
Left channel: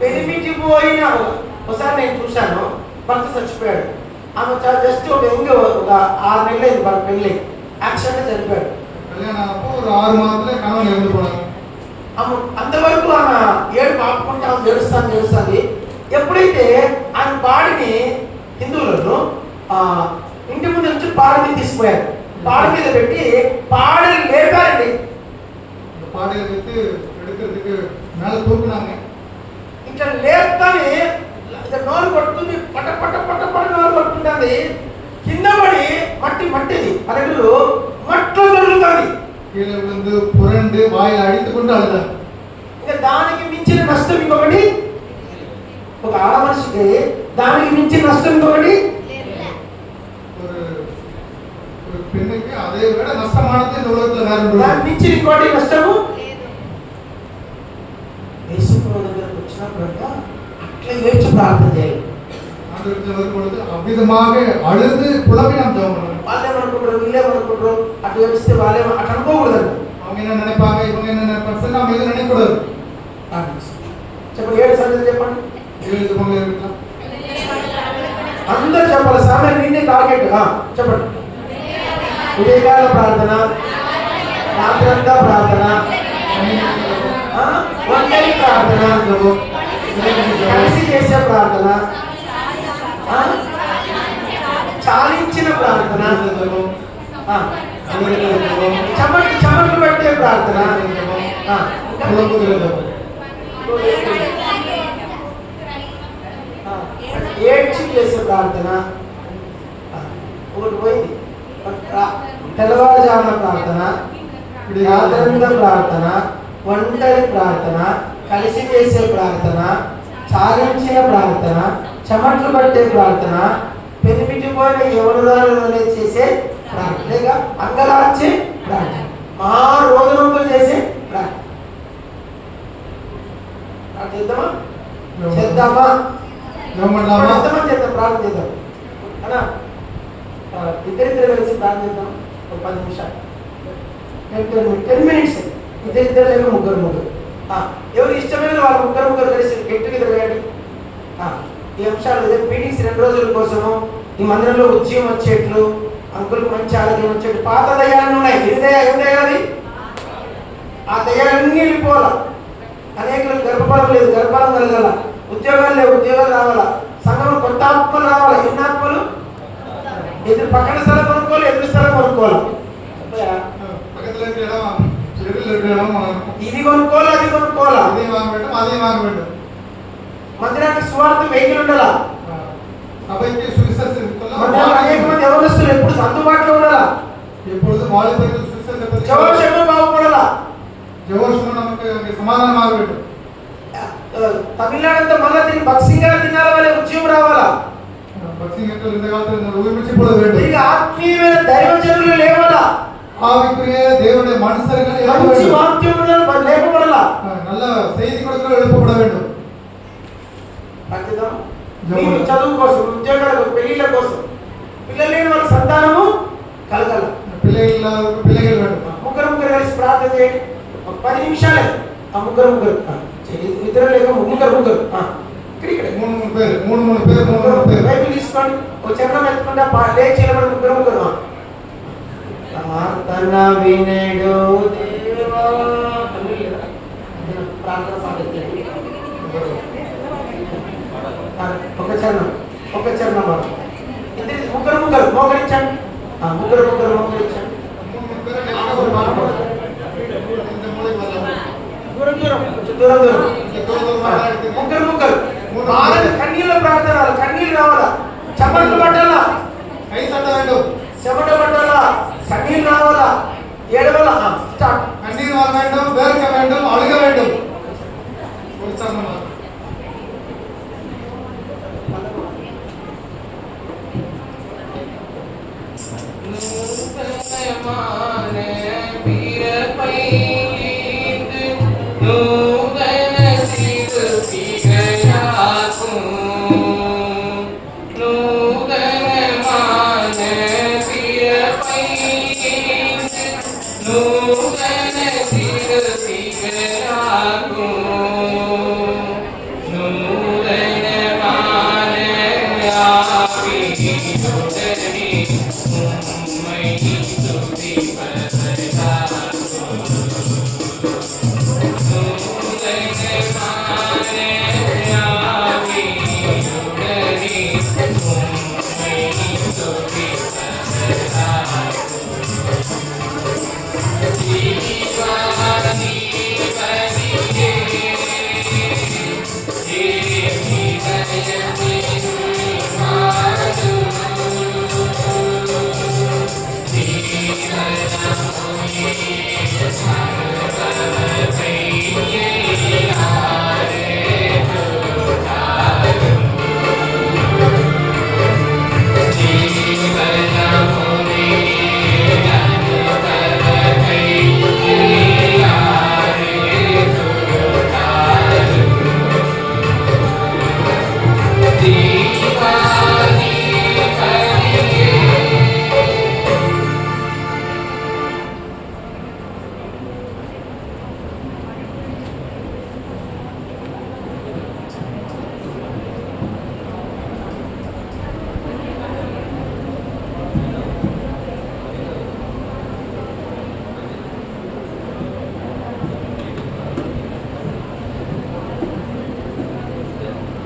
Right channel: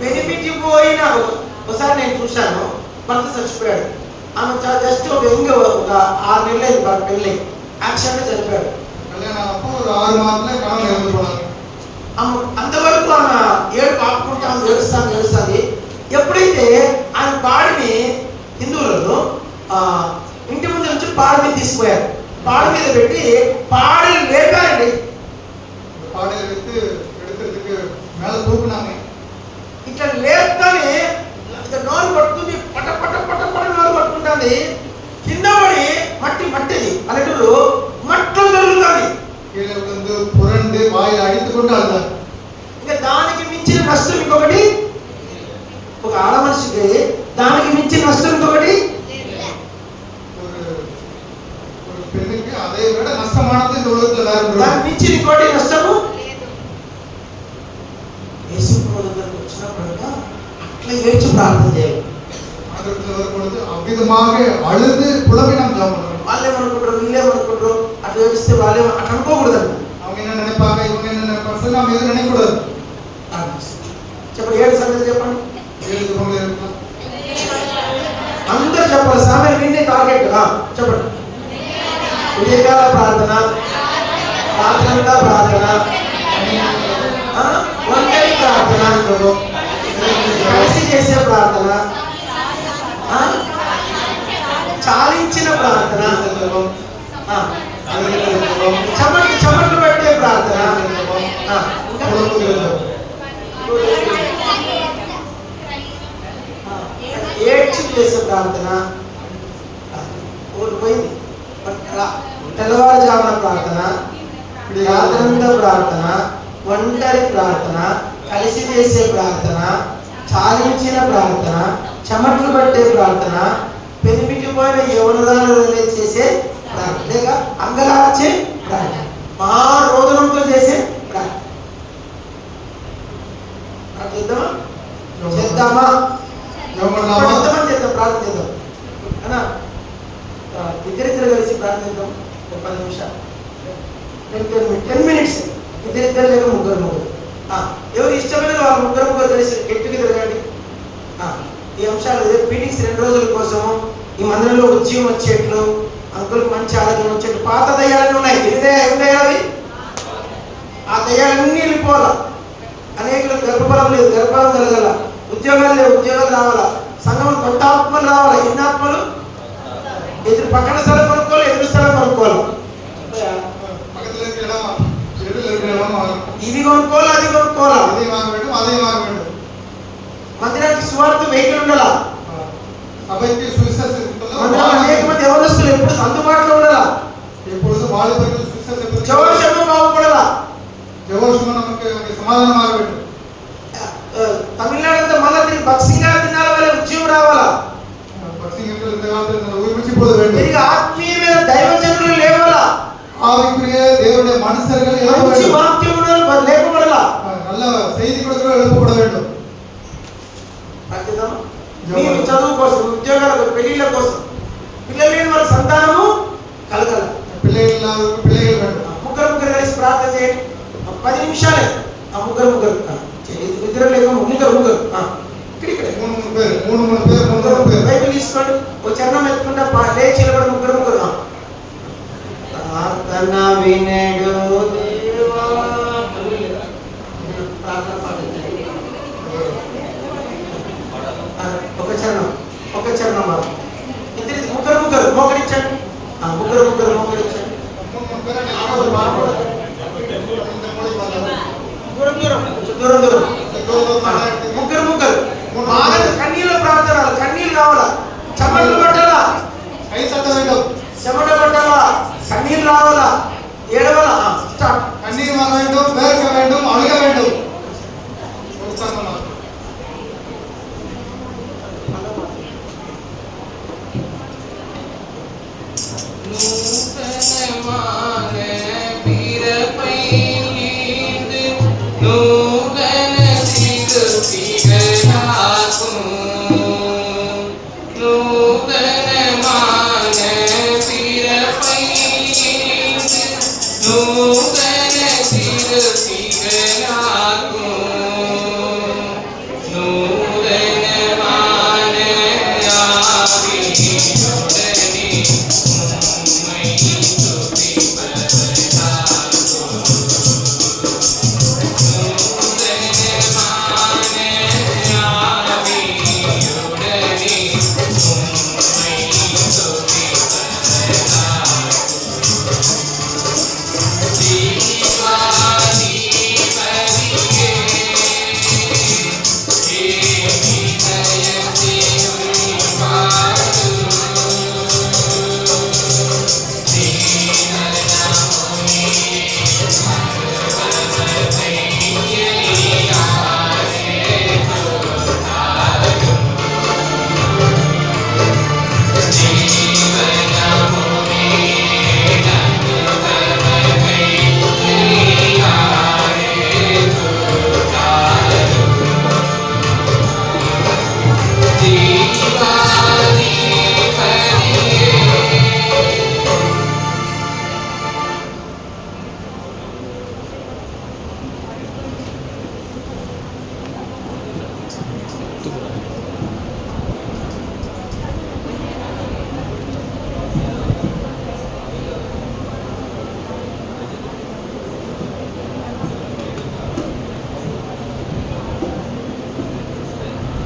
పెనిమిటిపోయిన. ఒకసారి నేను చూశాను, భర్త చచ్చిపోయాడు. ఆమె జస్ట్ ఒక 6 నెలలు పెళ్ళి యాక్సిడెంట్ చనిపోయాడు. కళ్యాణ 6 మాత్రమే కాలం నిలబడుకున్నాను. అంతవరకు ఆమె ఏడుస్తాంది. ఎప్పుడైతే ఆయన బాడీని హిందువులను ఇంటి ముందు నుంచి పాడి మీద తీసుకుపోయారు. పాడి మీద పెట్టి పాడలు లేపారండి. பாடையை வைத்து எடுக்கிறதுக்கு மேல தூக்குனாங்க. ఇట్లా లేపుతానే నోరు కొట్టుకుంది, పట పట పట పట నోరు కొట్టుకుంటుంది. కింద పడి మట్టిది అలెలు మట్లో దొరుకుతుంది. கீழே விழுந்து புரண்டு வாயில் அடித்துக்கொண்டு அழுதார். ఇంకా దానికి మించిన నష్టం ఇంకొకటి, ఒక ఆడ మనిషికి దానికి మించిన నష్టం ఇంకొకటి, ஒரு பெண்ணுக்கு அதை விட நஷ்டமானது இந்த உலகத்துல வேற ஒன்று. దానికి మించిన ఇంకోటి నష్టము యేసు ప్రభు దగ్గరకు వచ్చినప్పుడు అట్లా ఏడ్చి ప్రార్థన చేయాలి. ஆண்டவருக்கு வரும்பொழுது அவ்விதமாக அழுது புலம்பி நாம் ஜெபம் பண்ணணும். వాళ్ళేమనుకుంటారు, వీళ్ళేమనుకుంటారు, అట్లా ఏడిస్తే వాళ్ళే అట్లా అనుకోకూడదండి. அவங்க என்ன நினைப்பாங்க, இவங்க என்ன நினைப்பாங்க, நாம் எதுவும் நினைக்கக்கூடாது. చెప్పండి, 7 సంగతి చెప్పండి. 7 ஜெபங்கள் இருக்கலாம். అందరూ చెప్పాలి. సమయం నిండి టార్గెట్ చెప్పండి. ఉదయకాల ప్రార్థన, రాత్రంతా ప్రార్థన, ఒంటరి ప్రార్థన, కలిసి చేసే ప్రార్థన, చాలించిన ప్రార్థన, చెమట్లు పెట్టే ప్రార్థన, ఏడ్చి చేసే ప్రార్థన, ఒకటి పోయింది. తెల్లవారుజామున ప్రార్థన, రాత్రంతా ప్రార్థన, ఒంటరి ప్రార్థన, కలిసి చేసే ప్రార్థన, చాలించిన ప్రార్థన, చెమట్లు పట్టే ప్రార్థన, పెనిమిటిపోయిన ఎవరిదారులనే చేసే ప్రార్థన, అంగలార్చే ప్రార్థన, మా రోదనంతో చేసే ప్రార్థన. చేద్దామా చేద్దాం, ప్రార్థన చేద్దాం అన్నా. ఇద్దరిద్దరు కలిసి ప్రార్థిద్దాం ఒక 10 నిమిషాలు, 10 మినిట్స్. ఇద్దరిద్దరు లేక ముగ్గురు. ఎవరు ఇష్టమైన వాళ్ళు ముగ్గురు కలిసి గెట్టుకు తిరగండి. ఈ అంశాలు మీటింగ్స్ 2 రోజుల కోసము ఈ మందిరంలో ఉద్యమం వచ్చేట్లు, అంకులకు మంచి ఆరోగ్యం వచ్చేట్లు. పాత దయ్యాలు ఉన్నాయి, ఏం దయ్యాలి? ఆ దయ్యాలన్నీ వెళ్ళిపోవాలా. అనేకులకు గర్భఫలం లేదు, గర్భఫలం కలగాల. ఉద్యోగాలు లేవు, ఉద్యోగాలు రావాలా. సంఘంలో కొత్త ఆత్మలు రావాలా. ఎన్ని ఆత్మలు? ఎదురు పక్కన స్థలం కొనుక్కోవాలి, ఎదురు స్థలం కొనుక్కోవాలి. ఇది కొనుక్కోవాలి, అది కొనుక్కోవాలా. మందిరానికి సువార్త వెహికల్ ఉండాలా. అనేక మంది యవనస్తులు ఎప్పుడు అందుబాటులో ఉండాలా. జవాషము బాగుపడాలా. తమిళనాడు అంతా మళ్ళా తిరిగి భక్సింగా దినాల వల్ల ఉద్యమం రావాలా. తిరిగి ఆత్మీయమైన దైవజనులు లేవాలా. దేవుடைய மனுஷர்கள் మంచి వాక్యములు లేపబడాలా. நல்ல செய்தி கொடுக்க எழுப்பப்பட வேண்டும். మీరు చదువు కోసం, ఉద్యోగాల పెళ్లిళ్ళ కోసం, పిల్లలు లేని వాళ్ళ సంతానము కలగాలి. పిల్లలు ముగ్గురు కలిసి ప్రార్థన చేయండి. 10 నిమిషాలే. ముగ్గురు ఇద్దరు లేక ముగ్గురు ఇక్కడ 3 పేరు బైబిల్ తీసుకోండి. ఒక చరణం ఎత్తుకుంటా లేచి నిలబడి ముగ్గురు. ప్రార్థన వినడు దేవా. ప్రార్థన పాటించండి. ఒక చరణం ఇద్దరు ముగ్గురు మోకరించండి. ముగ్గురు మోకరించండి. దూరం ముగ్గురు బాగా కన్నీళ్ళ ప్రార్థన, కన్నీళ్ళు రావాలా. చెమటలు పట్టాలా, చెమట పట్టాలా, కన్నీళ్ళు రావాలా, ఏడవాలా. స్టార్ట్. கண்ணீர் வர வேண்டும், வேர்க்க வேண்டும், அழுக வேண்டும். జీవాని